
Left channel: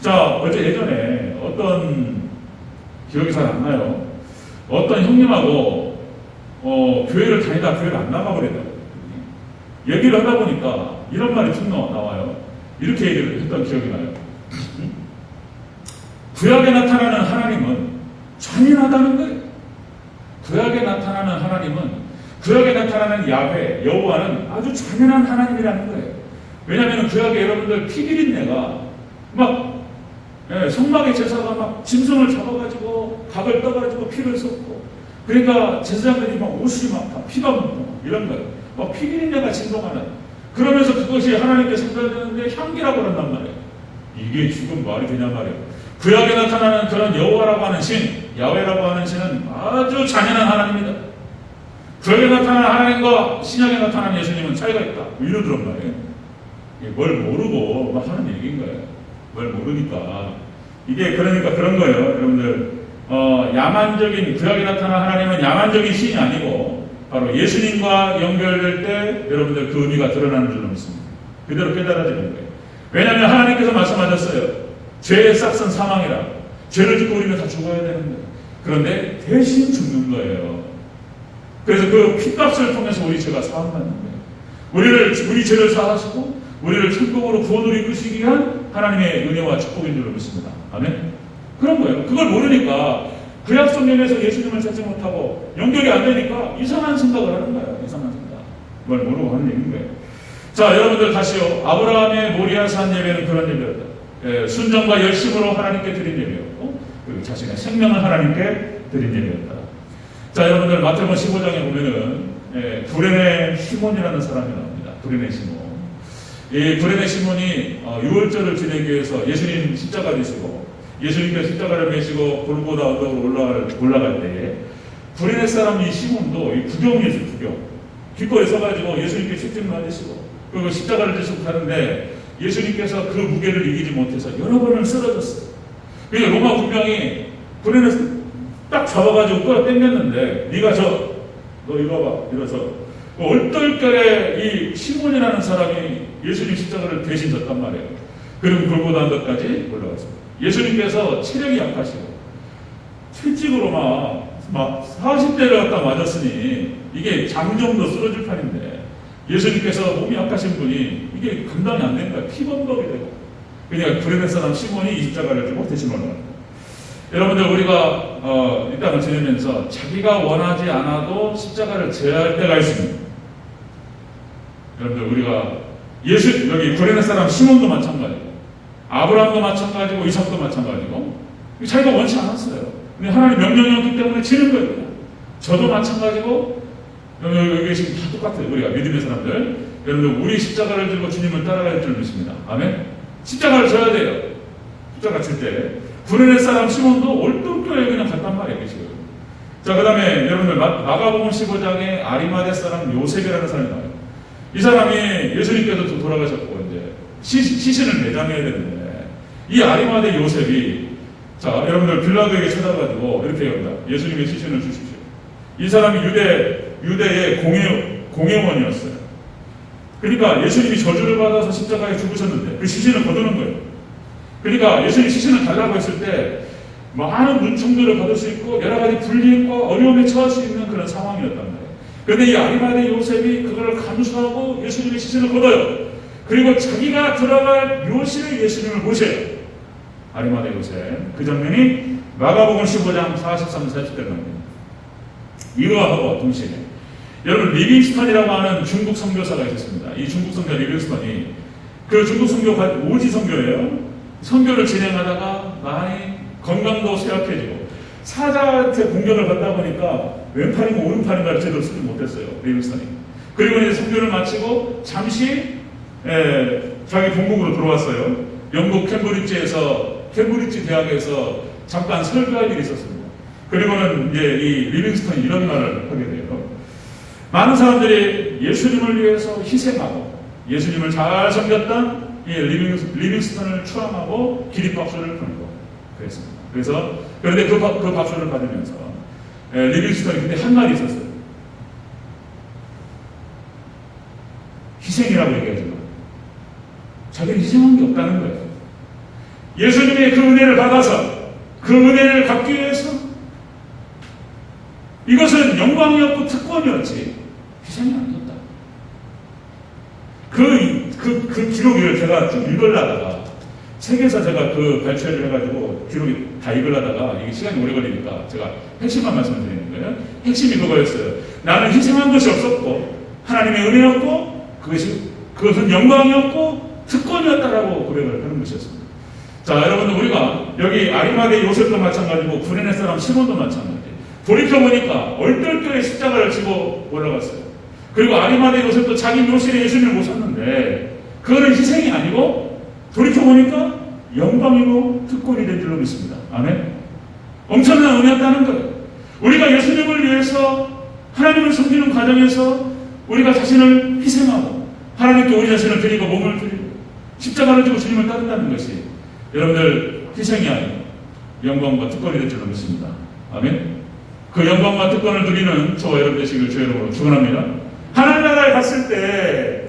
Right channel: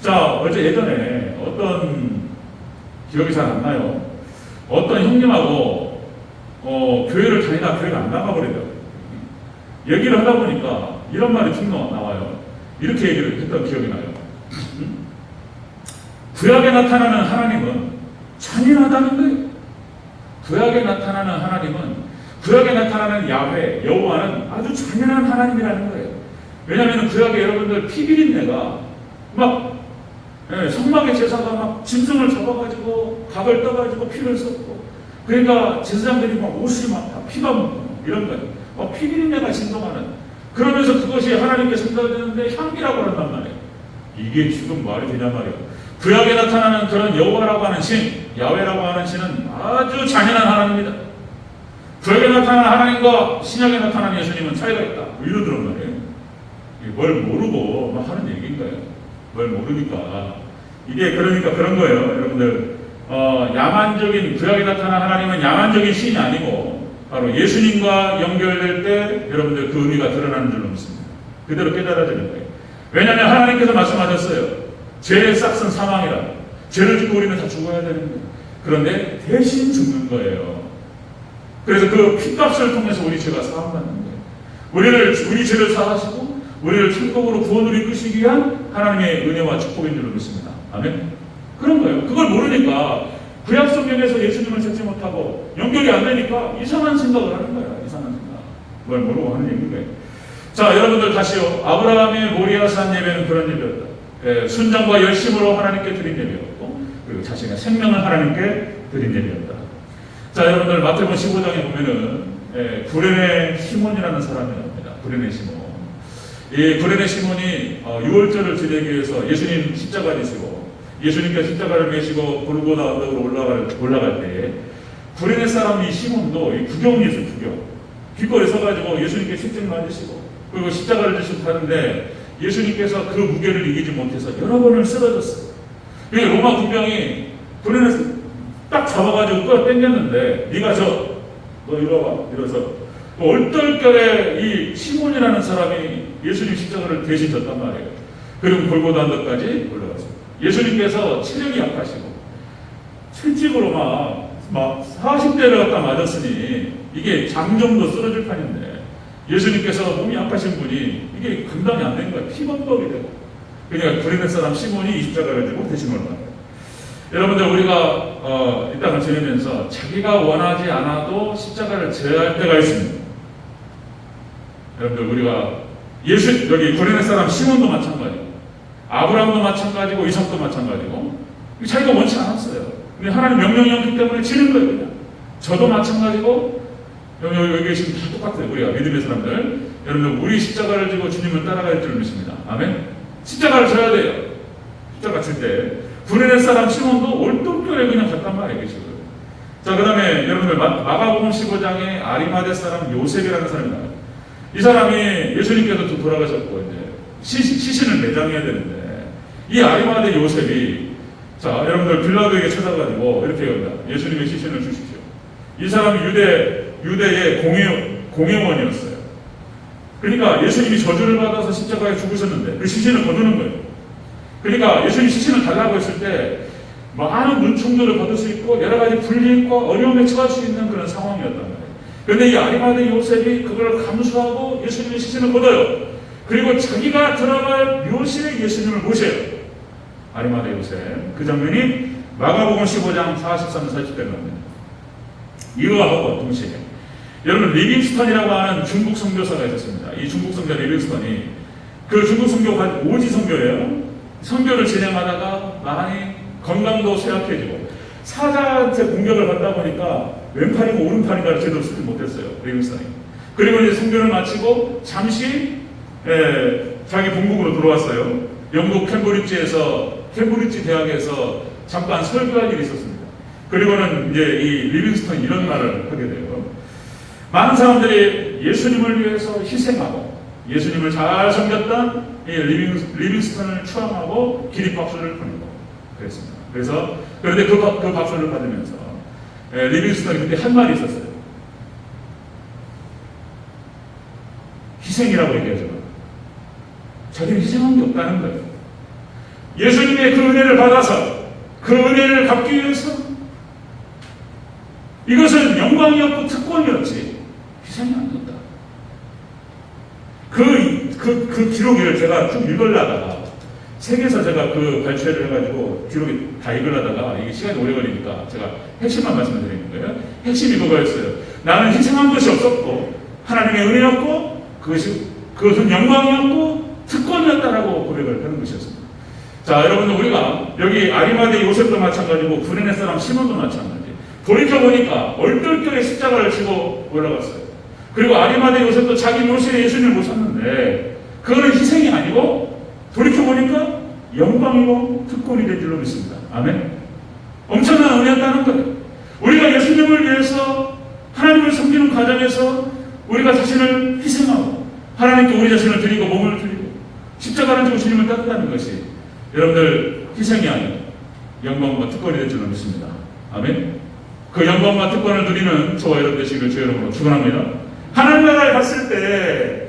자, 어제 예전에 어떤, 기억이 잘 안 나요. 어떤 형님하고 교회를 다니다 교회를 안 나가버리더라고요. 얘기를 하다 보니까 이런 말이 쭉 나와요. 이렇게 얘기를 했던 기억이 나요. 구약에 나타나는 하나님은 잔인하다는 거예요. 구약에 나타나는 하나님은, 구약에 나타나는 야훼, 여호와는 아주 잔인한 하나님이라는 거예요. 왜냐하면 구약에 여러분들 피비린내가 막, 성막의 제사가 막 짐승을 잡아가지고 각을 떠가지고 피를 쏟고, 그러니까 제사장들이 막 옷이 막 다 피가 묻고 이런 거예요. 막 피비린내가 진동하는, 그러면서 그것이 하나님께 전달되는데 향기라고 한단 말이에요. 이게 지금 말이 되냐 말이에요. 구약에 나타나는 그런 여호와라고 하는 신, 야훼라고 하는 신은 아주 잔인한 하나님입니다. 구약에 나타나는 하나님과 신약에 나타나는 예수님은 차이가 있다. 이러더란 말이에요. 뭘 모르고 막 하는 얘기인 거예요. 뭘 모르니까. 이게 그러니까 그런 거예요. 여러분들, 야만적인, 구약에 나타나는 하나님은 야만적인 신이 아니고 바로 예수님과 연결될 때 여러분들 그 의미가 드러나는 줄로 믿습니다. 그대로 깨달아지는 거예요. 왜냐하면 하나님께서 말씀하셨어요. 죄의 싹은 사망이라. 죄를 짓고 우리는 다 죽어야 되는 거예요. 그런데 대신 죽는 거예요. 그래서 그 피값을 통해서 우리 죄가 사함받는 거예요. 우리 죄를 사하시고 우리를 천국으로 구원으로 이끄시기 위한 하나님의 은혜와 축복인 줄로 믿습니다. 아멘. 그런 거예요. 그걸 모르니까 구약 성경에서 예수님을 찾지 못하고 연결이 안 되니까 이상한 생각을 하는 거예요. 이상한 생각. 뭘 모르고 하는 얘기인 거예요. 자, 여러분들 다시요. 아브라함의 모리아산 예배는 그런 예배였다. 순종과 열심으로 하나님께 드린 예배였고, 그리고 자신의 생명을 하나님께 드린 예배였다. 자, 여러분들 마태복음 15장에 보면은 구레네 시몬이라는 사람이 나옵니다. 구레네 시몬. 이 구레네 시몬이 유월절을 지내기 위해서 예수님 십자가를 지시고 예수님께서 십자가를 메시고 골고다 언덕으로 올라갈 때 구레네 사람 이 시몬도 이 구경이었어요. 구경. 길거리에 서가지고 예수님께 축제를 받으시고 그리고 십자가를 지시고 가는데 예수님께서 그 무게를 이기지 못해서 여러 번을 쓰러졌어요. 그러니까 로마 군병이 구레네 딱 잡아가지고 끌어 당겼는데 네가 너 이리 와봐 이러서 얼떨결에 이 시몬이라는 사람이 예수님 십자가를 대신 졌단 말이에요. 그리고 골고다 언덕까지 올라갔습니다. 예수님께서 체력이 약하시고 채찍으로 막 40대를 갖다 맞았으니 이게 장정도 쓰러질 판인데 예수님께서 몸이 약하신 분이 이게 감당이 안 되는 거예요. 피범벅이 되고 그러니까 구레네 사람 시몬이 이 십자가를 지고 대신 올라갑니다. 여러분들 우리가 이 땅을 지내면서 자기가 원하지 않아도 십자가를 져야 할 때가 있습니다. 여러분들 우리가 여기 구레네 사람 시몬도 마찬가지고 아브라함도 마찬가지고 이삭도 마찬가지고 자기가 원치 않았어요. 근데 하나님 명령이었기 때문에 지는 거예요. 그냥. 저도 마찬가지고 여기 지금 다 똑같아요. 우리가 믿음의 사람들 여러분들 우리 십자가를 지고 주님을 따라갈 줄 믿습니다. 아멘. 십자가를 져야 돼요. 십자가 질 때 구레네 사람 시몬도 얼떨결에 그냥 갔단 말이에요. 자, 그 다음에 여러분들 마가복음 15장에 아리마대 사람 요셉이라는 사람이 나와요. 이 사람이 예수님께서 돌아가셨고 이제 시신을 매장해야 되는데 이 아리마대 요셉이 자 여러분들 빌라도에게 찾아가지고 이렇게 합니다. 예수님의 시신을 주십시오. 이 사람이 유대의 공회원이었어요. 그러니까 예수님이 저주를 받아서 십자가에 죽으셨는데 그 시신을 거두는 거예요. 그러니까 예수님 시신을 달라고 했을 때 많은 눈총들을 받을 수 있고 여러 가지 불이익과 어려움에 처할 수 있는 그런 상황이었단 말이에요. 그런데 이 아리마대 요셉이 그걸 감수하고 예수님의 시신을 걷어요. 그리고 자기가 들어갈 묘실에 예수님을 모셔요. 아리마대 요셉. 그 장면이 마가복음 15장 43, 40대 말입니다. 이거하고 동시에 여러분 리빙스턴이라고 하는 중국 선교사가 있었습니다. 이 중국 선교 리빙스턴이 그 중국 선교 오지 선교예요. 선교를 진행하다가 많이 건강도 쇠약해지고 사자한테 공격을 받다 보니까 왼팔인가 오른팔인가 제대로 쓰지 못했어요. 리빙스턴이. 그리고 이제 선교를 마치고 잠시 자기 본국으로 돌아왔어요. 영국 캠브리지 대학에서 잠깐 설교할 일이 있었습니다. 그리고는 이제 이 리빙스턴이 이런 말을 하게 돼요. 많은 사람들이 예수님을 위해서 희생하고 예수님을 잘 섬겼던 이 리빙스턴을 추앙하고 기립박수를 부르고 그랬습니다. 그런데 그 박수를 받으면서 리빙스턴이 그때 한 말이 있었어요. 희생이라고 얘기하죠. 자기는 희생한 게 없다는 거예요. 예수님의 그 은혜를 받아서 그 은혜를 갚기 위해서 이것은 영광이었고 특권이었지 희생이 아니었다. 그 기록을 제가 쭉 읽으려다가 책에서 제가 그 발췌를 해가지고 기록이 다 읽으려다가 이게 시간이 오래 걸리니까 제가 핵심만 말씀드리는 거예요. 핵심이 그거였어요. 나는 희생한 것이 없었고 하나님의 은혜였고 그것은 영광이었고 특권이었다라고 고백을 하는 것이었습니다. 자, 여러분들 우리가 여기 아리마대 요셉도 마찬가지고 구레네 사람 시몬도 마찬가지. 돌이켜보니까 얼떨결에 십자가를 지고 올라갔어요. 그리고 아리마대 요셉도 자기 묘실에 예수님을 모셨는데 그거는 희생이 아니고 돌이켜보니까 영광이고 특권이 된 줄로 믿습니다. 아멘. 엄청난 은혜였다는 거예요. 우리가 예수님을 위해서 하나님을 섬기는 과정에서 우리가 자신을 희생하고 하나님께 우리 자신을 드리고 몸을 드리고 십자가를 지고 주님을 따른다는 것이 여러분들 희생이 아니라 영광과 특권이 될 줄로 믿습니다. 아멘. 그 영광과 특권을 누리는 저와 여러분 되시길 주의 이름으로 축원합니다. 하나님 나라에 갔을 때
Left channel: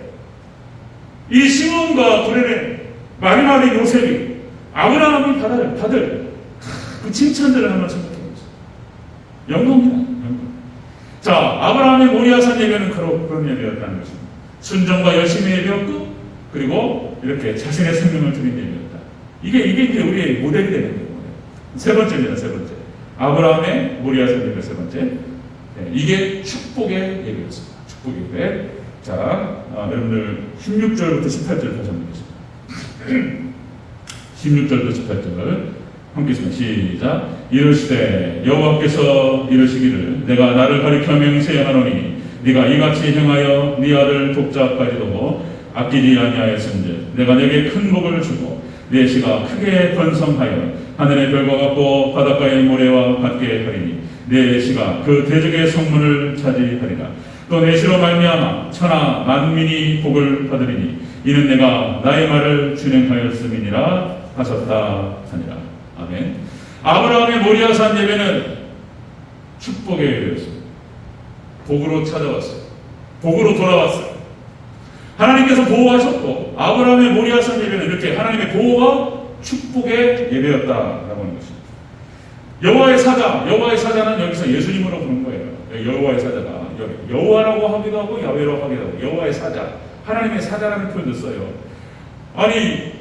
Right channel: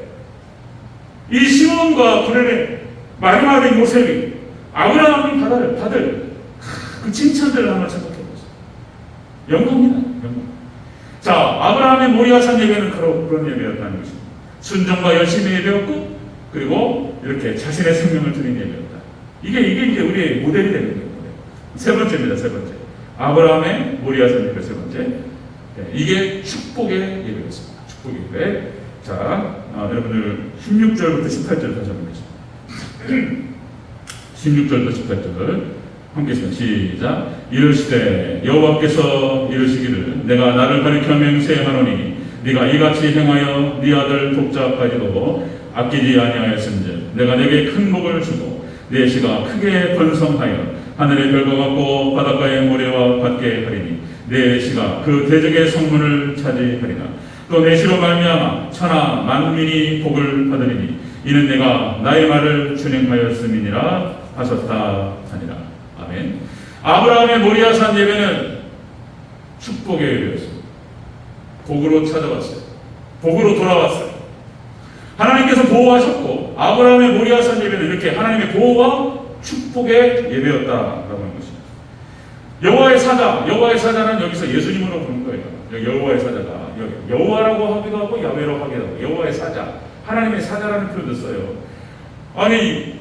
이 시몬과 구레네 마지막에 요셉이 아브라함이 받을 그 칭찬들을 한번 생각해 보세요. 영광이다. 영광. 자, 아브라함의 모리아산 예배는 그런 예배였다는 것입니다. 순종과 열심히 예배였고 그리고 이렇게 자신의 생명을 드린 예배였다. 이게 이제 우리의 모델이 되는 거예요. 세 번째입니다. 세 번째. 아브라함의 모리아산 예배 세 번째. 이게 축복의 예배였습니다. 축복의 예배. 자, 여러분들 16절부터 18절 다시 한번 보겠습니다. 16절부터 18절 함께 시작. 이르시되 여호와께서 이르시기를 내가 나를 가리켜 맹세하노니 네가 이같이 행하여 네 아들 독자까지도 아끼지 아니하였은즉 내가 내게 큰 복을 주고 네 씨가 크게 번성하여 하늘의 별과 같고 바닷가의 모래와 같게 하리니 네 씨가 그 대적의 성문을 차지하리라. 또 내 씨로 말미암아 천하 만민이 복을 받으리니 이는 내가 나의 말을 준행하였음이니라 하셨다 하니라. 아멘. 아브라함의 모리아산 예배는 축복의 예배였습니다. 복으로 찾아왔어요. 복으로 돌아왔어요. 하나님께서 보호하셨고 아브라함의 모리아산 예배는 이렇게 하나님의 보호와 축복의 예배였다라고 하는 것입니다. 여호와의 사자는 여기서 예수님으로 부른 거예요. 여호와의 사자가 여기 여호와라고 하기도 하고 야훼라고 하기도 하고 여호와의 사자, 하나님의 사자라는 표현도 써요. 아니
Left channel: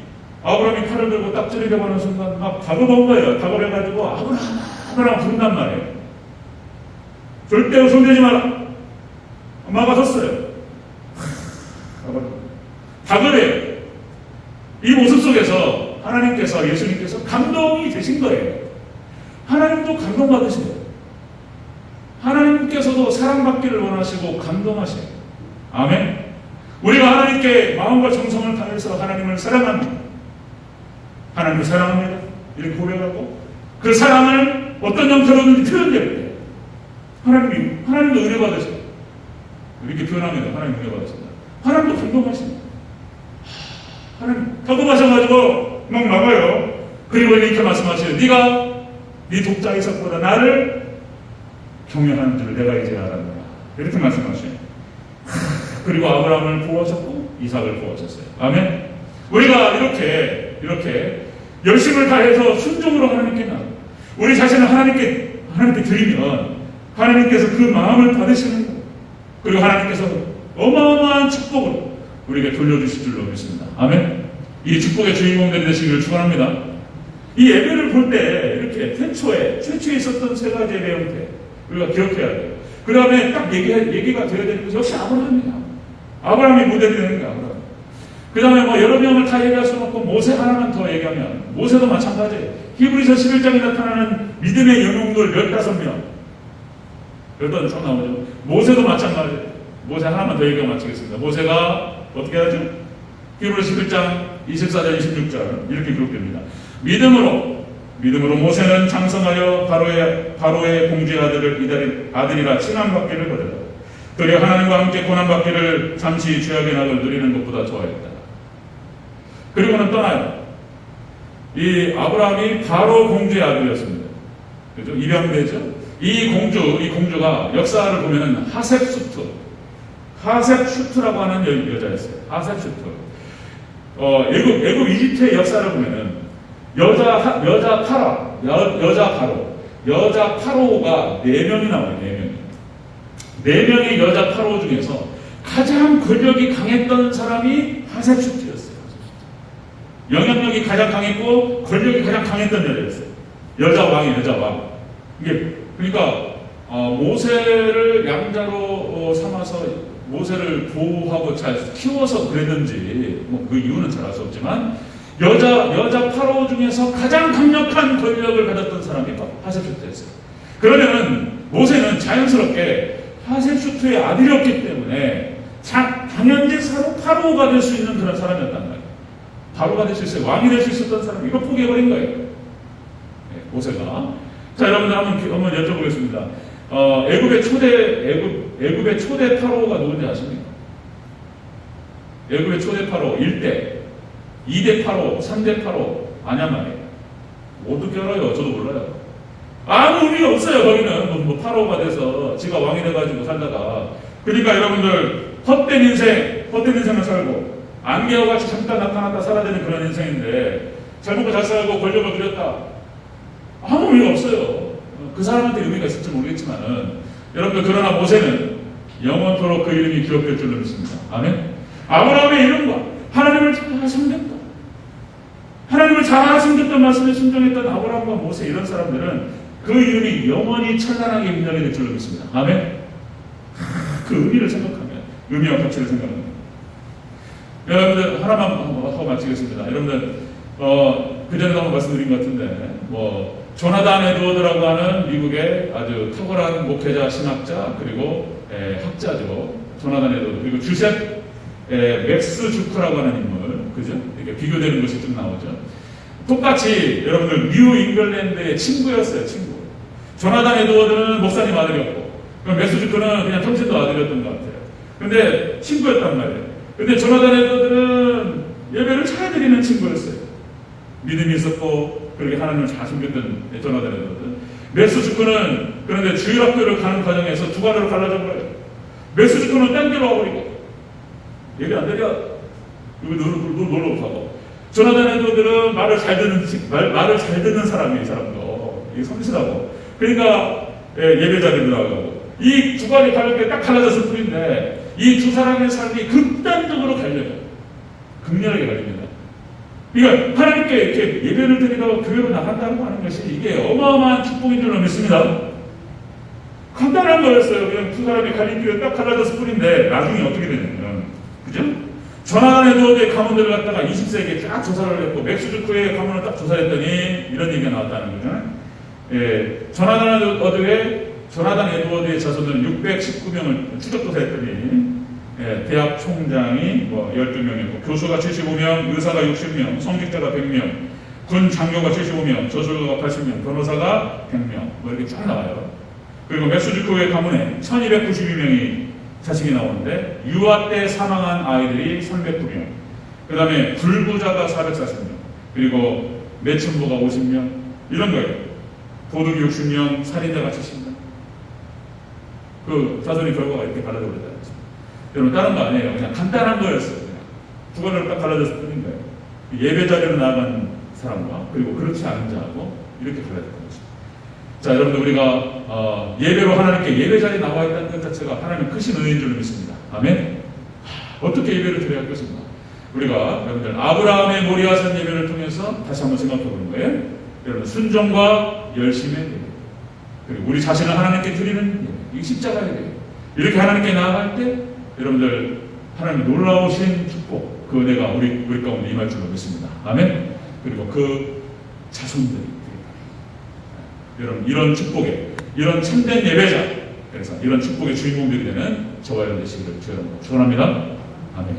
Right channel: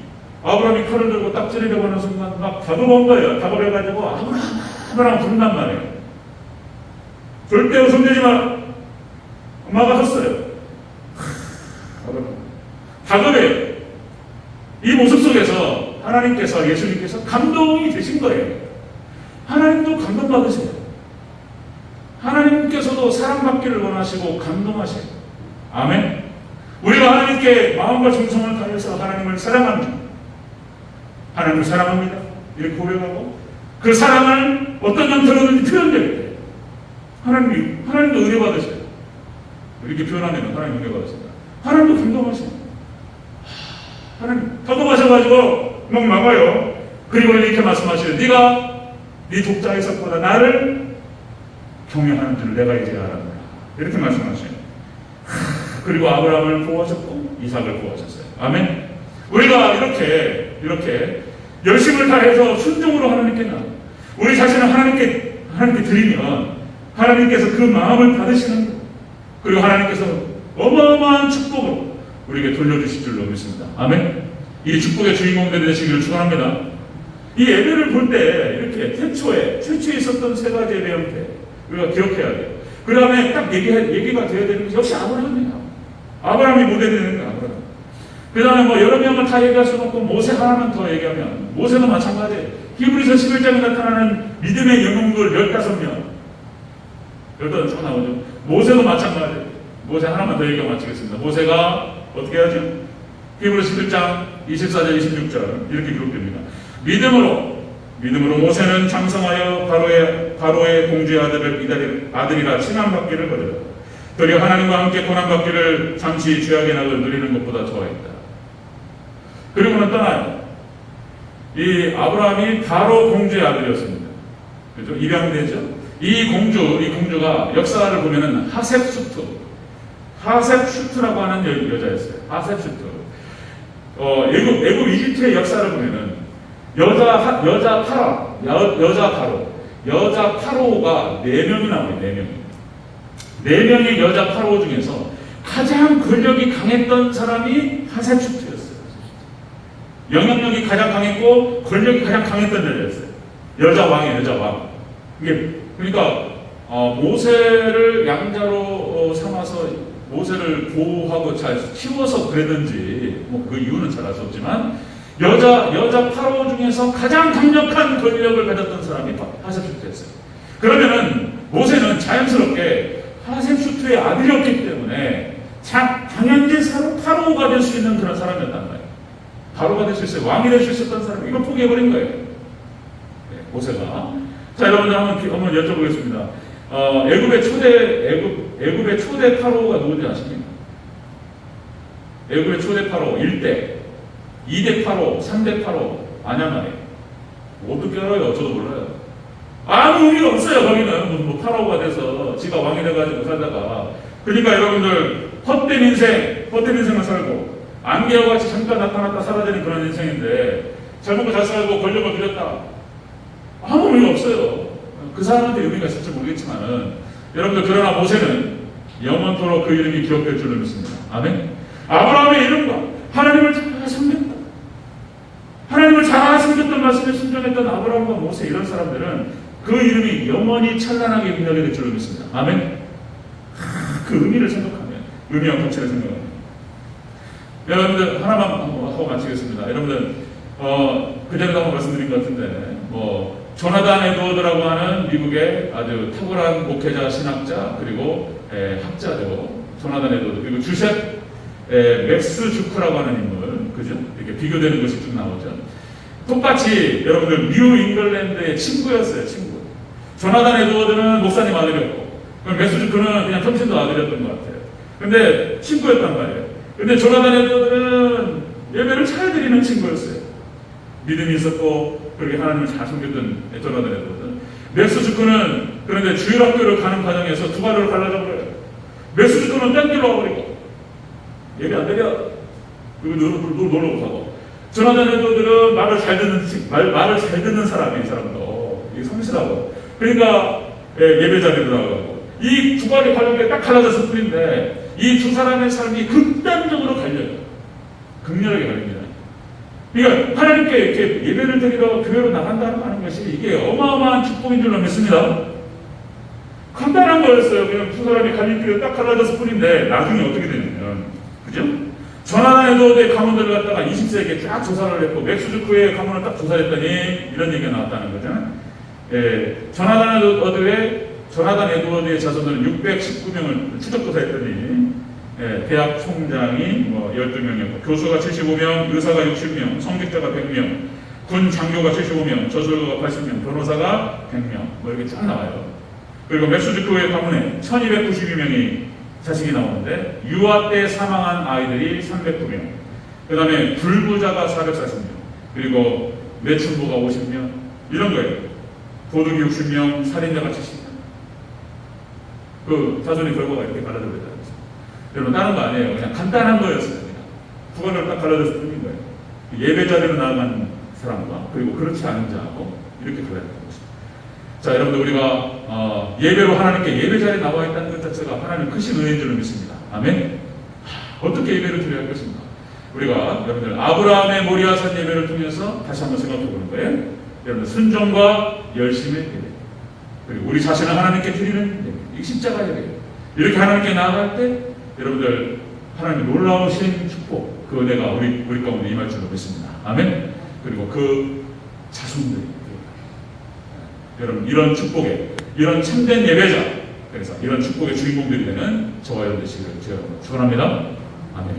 아브라함이 칼을 들고 딱 찌르려고 하는 순간 막 다급한 거예요. 다급해가지고 아브라함 부른단 말이에요. 절대 손대지 마라. 엄마가 섰어요. 다급해요. 이 모습 속에서 하나님께서 예수님께서 감동이 되신 거예요. 하나님도 감동받으세요. 하나님께서도 사랑받기를 원하시고 감동하세요. 아멘. 우리가 하나님께 마음과 정성을 다해서 하나님을 사랑합니다. 하나님을 사랑합니다. 이렇게 고백하고 그 사랑을 어떤 형태로든지 표현될 때 하나님도 은혜 받으세요. 이렇게 표현하면 하나님 은혜 받으신다. 하나님도 감동하십니다. 하나님 감동하셔가지고 막 막아요. 그리고 이렇게 말씀하셔요. 네가 네 독자에서보다 나를 경외하는 줄 내가 이제 알았노라. 이렇게 말씀하셔요. 그리고 아브라함을 보호하셨고 이삭을 보호하셨어요. 아멘. 우리가 이렇게 열심을 다해서 순종으로 하나님께 나가 우리 자신을 하나님께 드리면 하나님께서 그 마음을 받으시는 거예요. 그리고 하나님께서 어마어마한 축복을 우리에게 돌려주실 줄로 믿습니다. 아멘. 이 축복의 주인공들이 되시기를 축원합니다. 이 예배를 볼 때 이렇게 최초에 있었던 세 가지의 내용들 우리가 기억해야 돼요. 그 다음에 딱 얘기가 되어야 되는 것이 역시 아브라함이에요. 아브라함이 모델되는 거야. 그 다음에 뭐 여러 명을 다 얘기할 수 없고 모세 하나만 더 얘기하면 모세도 마찬가지예요. 히브리서 11장에 나타나는 믿음의 영웅들 15명 15명 나오죠. 모세도 마찬가지예요. 모세 하나만 더 얘기하고 마치겠습니다. 모세가 어떻게 하죠? 히브리서 11장 24절 26절 이렇게 기록됩니다. 믿음으로 모세는 장성하여 바로의 공주의 아들이라 칭함받기를 거두었다. 그리고 하나님과 함께 고난받기를 잠시 죄악의 낙을 누리는 것보다 좋아했다. 그리고는 떠나요. 이 아브라함이 바로 공주의 아들이었습니다. 그렇죠? 입양되죠. 이 공주가 역사를 보면은 하셉슈트라고 하는 여자였어요. 하셉슈트. 애굽 이집트의 역사를 보면은 여자 파로가 4명이 나와요. 4명의 여자 파로 중에서 가장 권력이 강했던 사람이 하셉슈트였어요. 영향력이 가장 강했고 권력이 가장 강했던 여자였어요. 여자 왕. 이게 그러니까 모세를 양자로 삼아서 모세를 보호하고 잘 키워서 그랬는지 뭐 그 이유는 잘 알 수 없지만 여자 파로 중에서 가장 강력한 권력을 가졌던 사람이 하셉슈트였어요. 그러면은 모세는 자연스럽게 하셉슈트의 아들이었기 때문에 당연히 파로가 될 수 있는 그런 사람이었단 말이에요. 바로가 될 수 있어요. 왕이 될 수 있었던 사람. 이거 포기해버린 거예요. 네, 모세가. 자, 여러분들 한번 여쭤보겠습니다. 애굽의 초대 파로가 누군지 아십니까? 애굽의 초대 파로 1대, 2대 파로, 3대 파로 아냐 말이에요. 어떻게 알아요? 저도 몰라요. 아무 의미가 없어요. 거기는 뭐 파로가 돼서 지가 왕이 돼가지고 살다가. 그러니까 여러분들 헛된 인생을 살고 안개와 같이 잠깐 나타났다 사라지는 그런 인생인데 잘 먹고 잘 살고 권력을 누렸다. 아무 의미가 없어요. 그 사람한테 의미가 있을지 모르겠지만은 여러분들 그러나 모세는 영원토록 그 이름이 기억될 줄로 믿습니다. 아멘. 아브라함의 이름과 하나님을 잘 섬겼다. 하나님을 잘 섬겼던 말씀에 순종했던 아브라함과 모세 이런 사람들은 그 이름이 영원히 찬란하게 빛나게 될 줄로 믿습니다. 아멘. 그 의미를 생각하면 의미와 가치를 생각합니다. 여러분들 하나만 하고 마치겠습니다. 여러분들 그전에도 한번 말씀드린 것 같은데 조나단 에드워드라고 하는 미국의 아주 탁월한 목회자, 신학자 그리고 학자죠. 조나단 에드워드 그리고 주셉 맥스 주크라고 하는 인물, 그죠? 이렇게 비교되는 것이 좀 나오죠. 똑같이 여러분들 뉴 잉글랜드의 친구였어요. 친구. 조나단 에드워드는 목사님 아들이었고, 그럼 맥스 주크는 그냥 통신도 아들이었던 것 같아요. 근데 친구였단 말이에요. 근데 조나단 에드워드는 예배를 잘 드리는 친구였어요. 믿음이 있었고 그렇게 하나님을 잘 섬겼던 조나단 에드워드. 맥스 주크는 그런데 주일학교를 가는 과정에서 두 발을 갈라져 버려요. 맥스 주크는 딴 데로 와버리고 예배 안 드려. 놀러 가고. 조나단 에드워드는 말을 잘 듣는 사람이 이 사람도 이게 성실하고. 그러니까 예배 자리에 들어가고. 이 두 발이 갈라져 딱 갈라졌을 뿐인데 이 두 사람의 삶이 극단적으로 갈려요. 극렬하게 갈립니다. 그러니까 하나님께 이렇게 예배를 드리러 교회로 나간다는 하는 것이 이게 어마어마한 축복인 줄로 믿습니다. 간단한 거였어요. 그냥 두 사람이 갈림길에 딱 갈라졌을 뿐인데 나중에 어떻게 되냐면, 그죠? 조나단 에드워드의 가문들을 갖다가 20세기에 딱 조사를 했고 맥스 주크의 가문을 딱 조사했더니 이런 얘기가 나왔다는 거죠. 조나단 에드워드의 자손을 619명을 추적조사했더니 대학 총장이 12명이고 교수가 75명, 의사가 60명, 성직자가 100명, 군 장교가 75명, 저술가가 80명, 변호사가 100명 이렇게 쫙 나와요. 그리고 맥스 주크의 가문에 1292명이 자식이 나오는데 유아 때 사망한 아이들이 309명, 그 다음에 불부자가 440명, 그리고 매춘부가 50명 이런 거예요. 도둑이 60명, 살인자가 70명. 그 자손의 결과가 이렇게 갈라져버렸다. 여러분 다른 거 아니에요. 그냥 간단한 거였어요. 그냥 두 번을 딱 갈라졌을 뿐인 거예요. 예배 자리로 나아간 사람과 그리고 그렇지 않은 자하고 이렇게 갈라졌던 것입니다. 자, 여러분들 우리가 예배로 하나님께 예배 자리에 나와 있다는 것 자체가 하나님 크신 은혜인 줄로 믿습니다. 아멘. 어떻게 예배를 드려야 할 것인가? 우리가 여러분들 아브라함의 모리아산 예배를 통해서 다시 한번 생각해 보는 거예요. 여러분 순종과 열심히 해야 돼요. 그리고 우리 자신을 하나님께 드리는 이 십자가에 돼요. 이렇게 하나님께 나아갈 때 여러분들 하나님의 놀라우신 축복, 그 은혜가 우리 가운데 임할 줄 믿습니다. 아멘. 그리고 그 자손들이 여러분 이런 축복에, 이런 참된 예배자, 그래서 이런 축복의 주인공들이 되는 저와 여러분 되시기를 축원합니다. 아멘.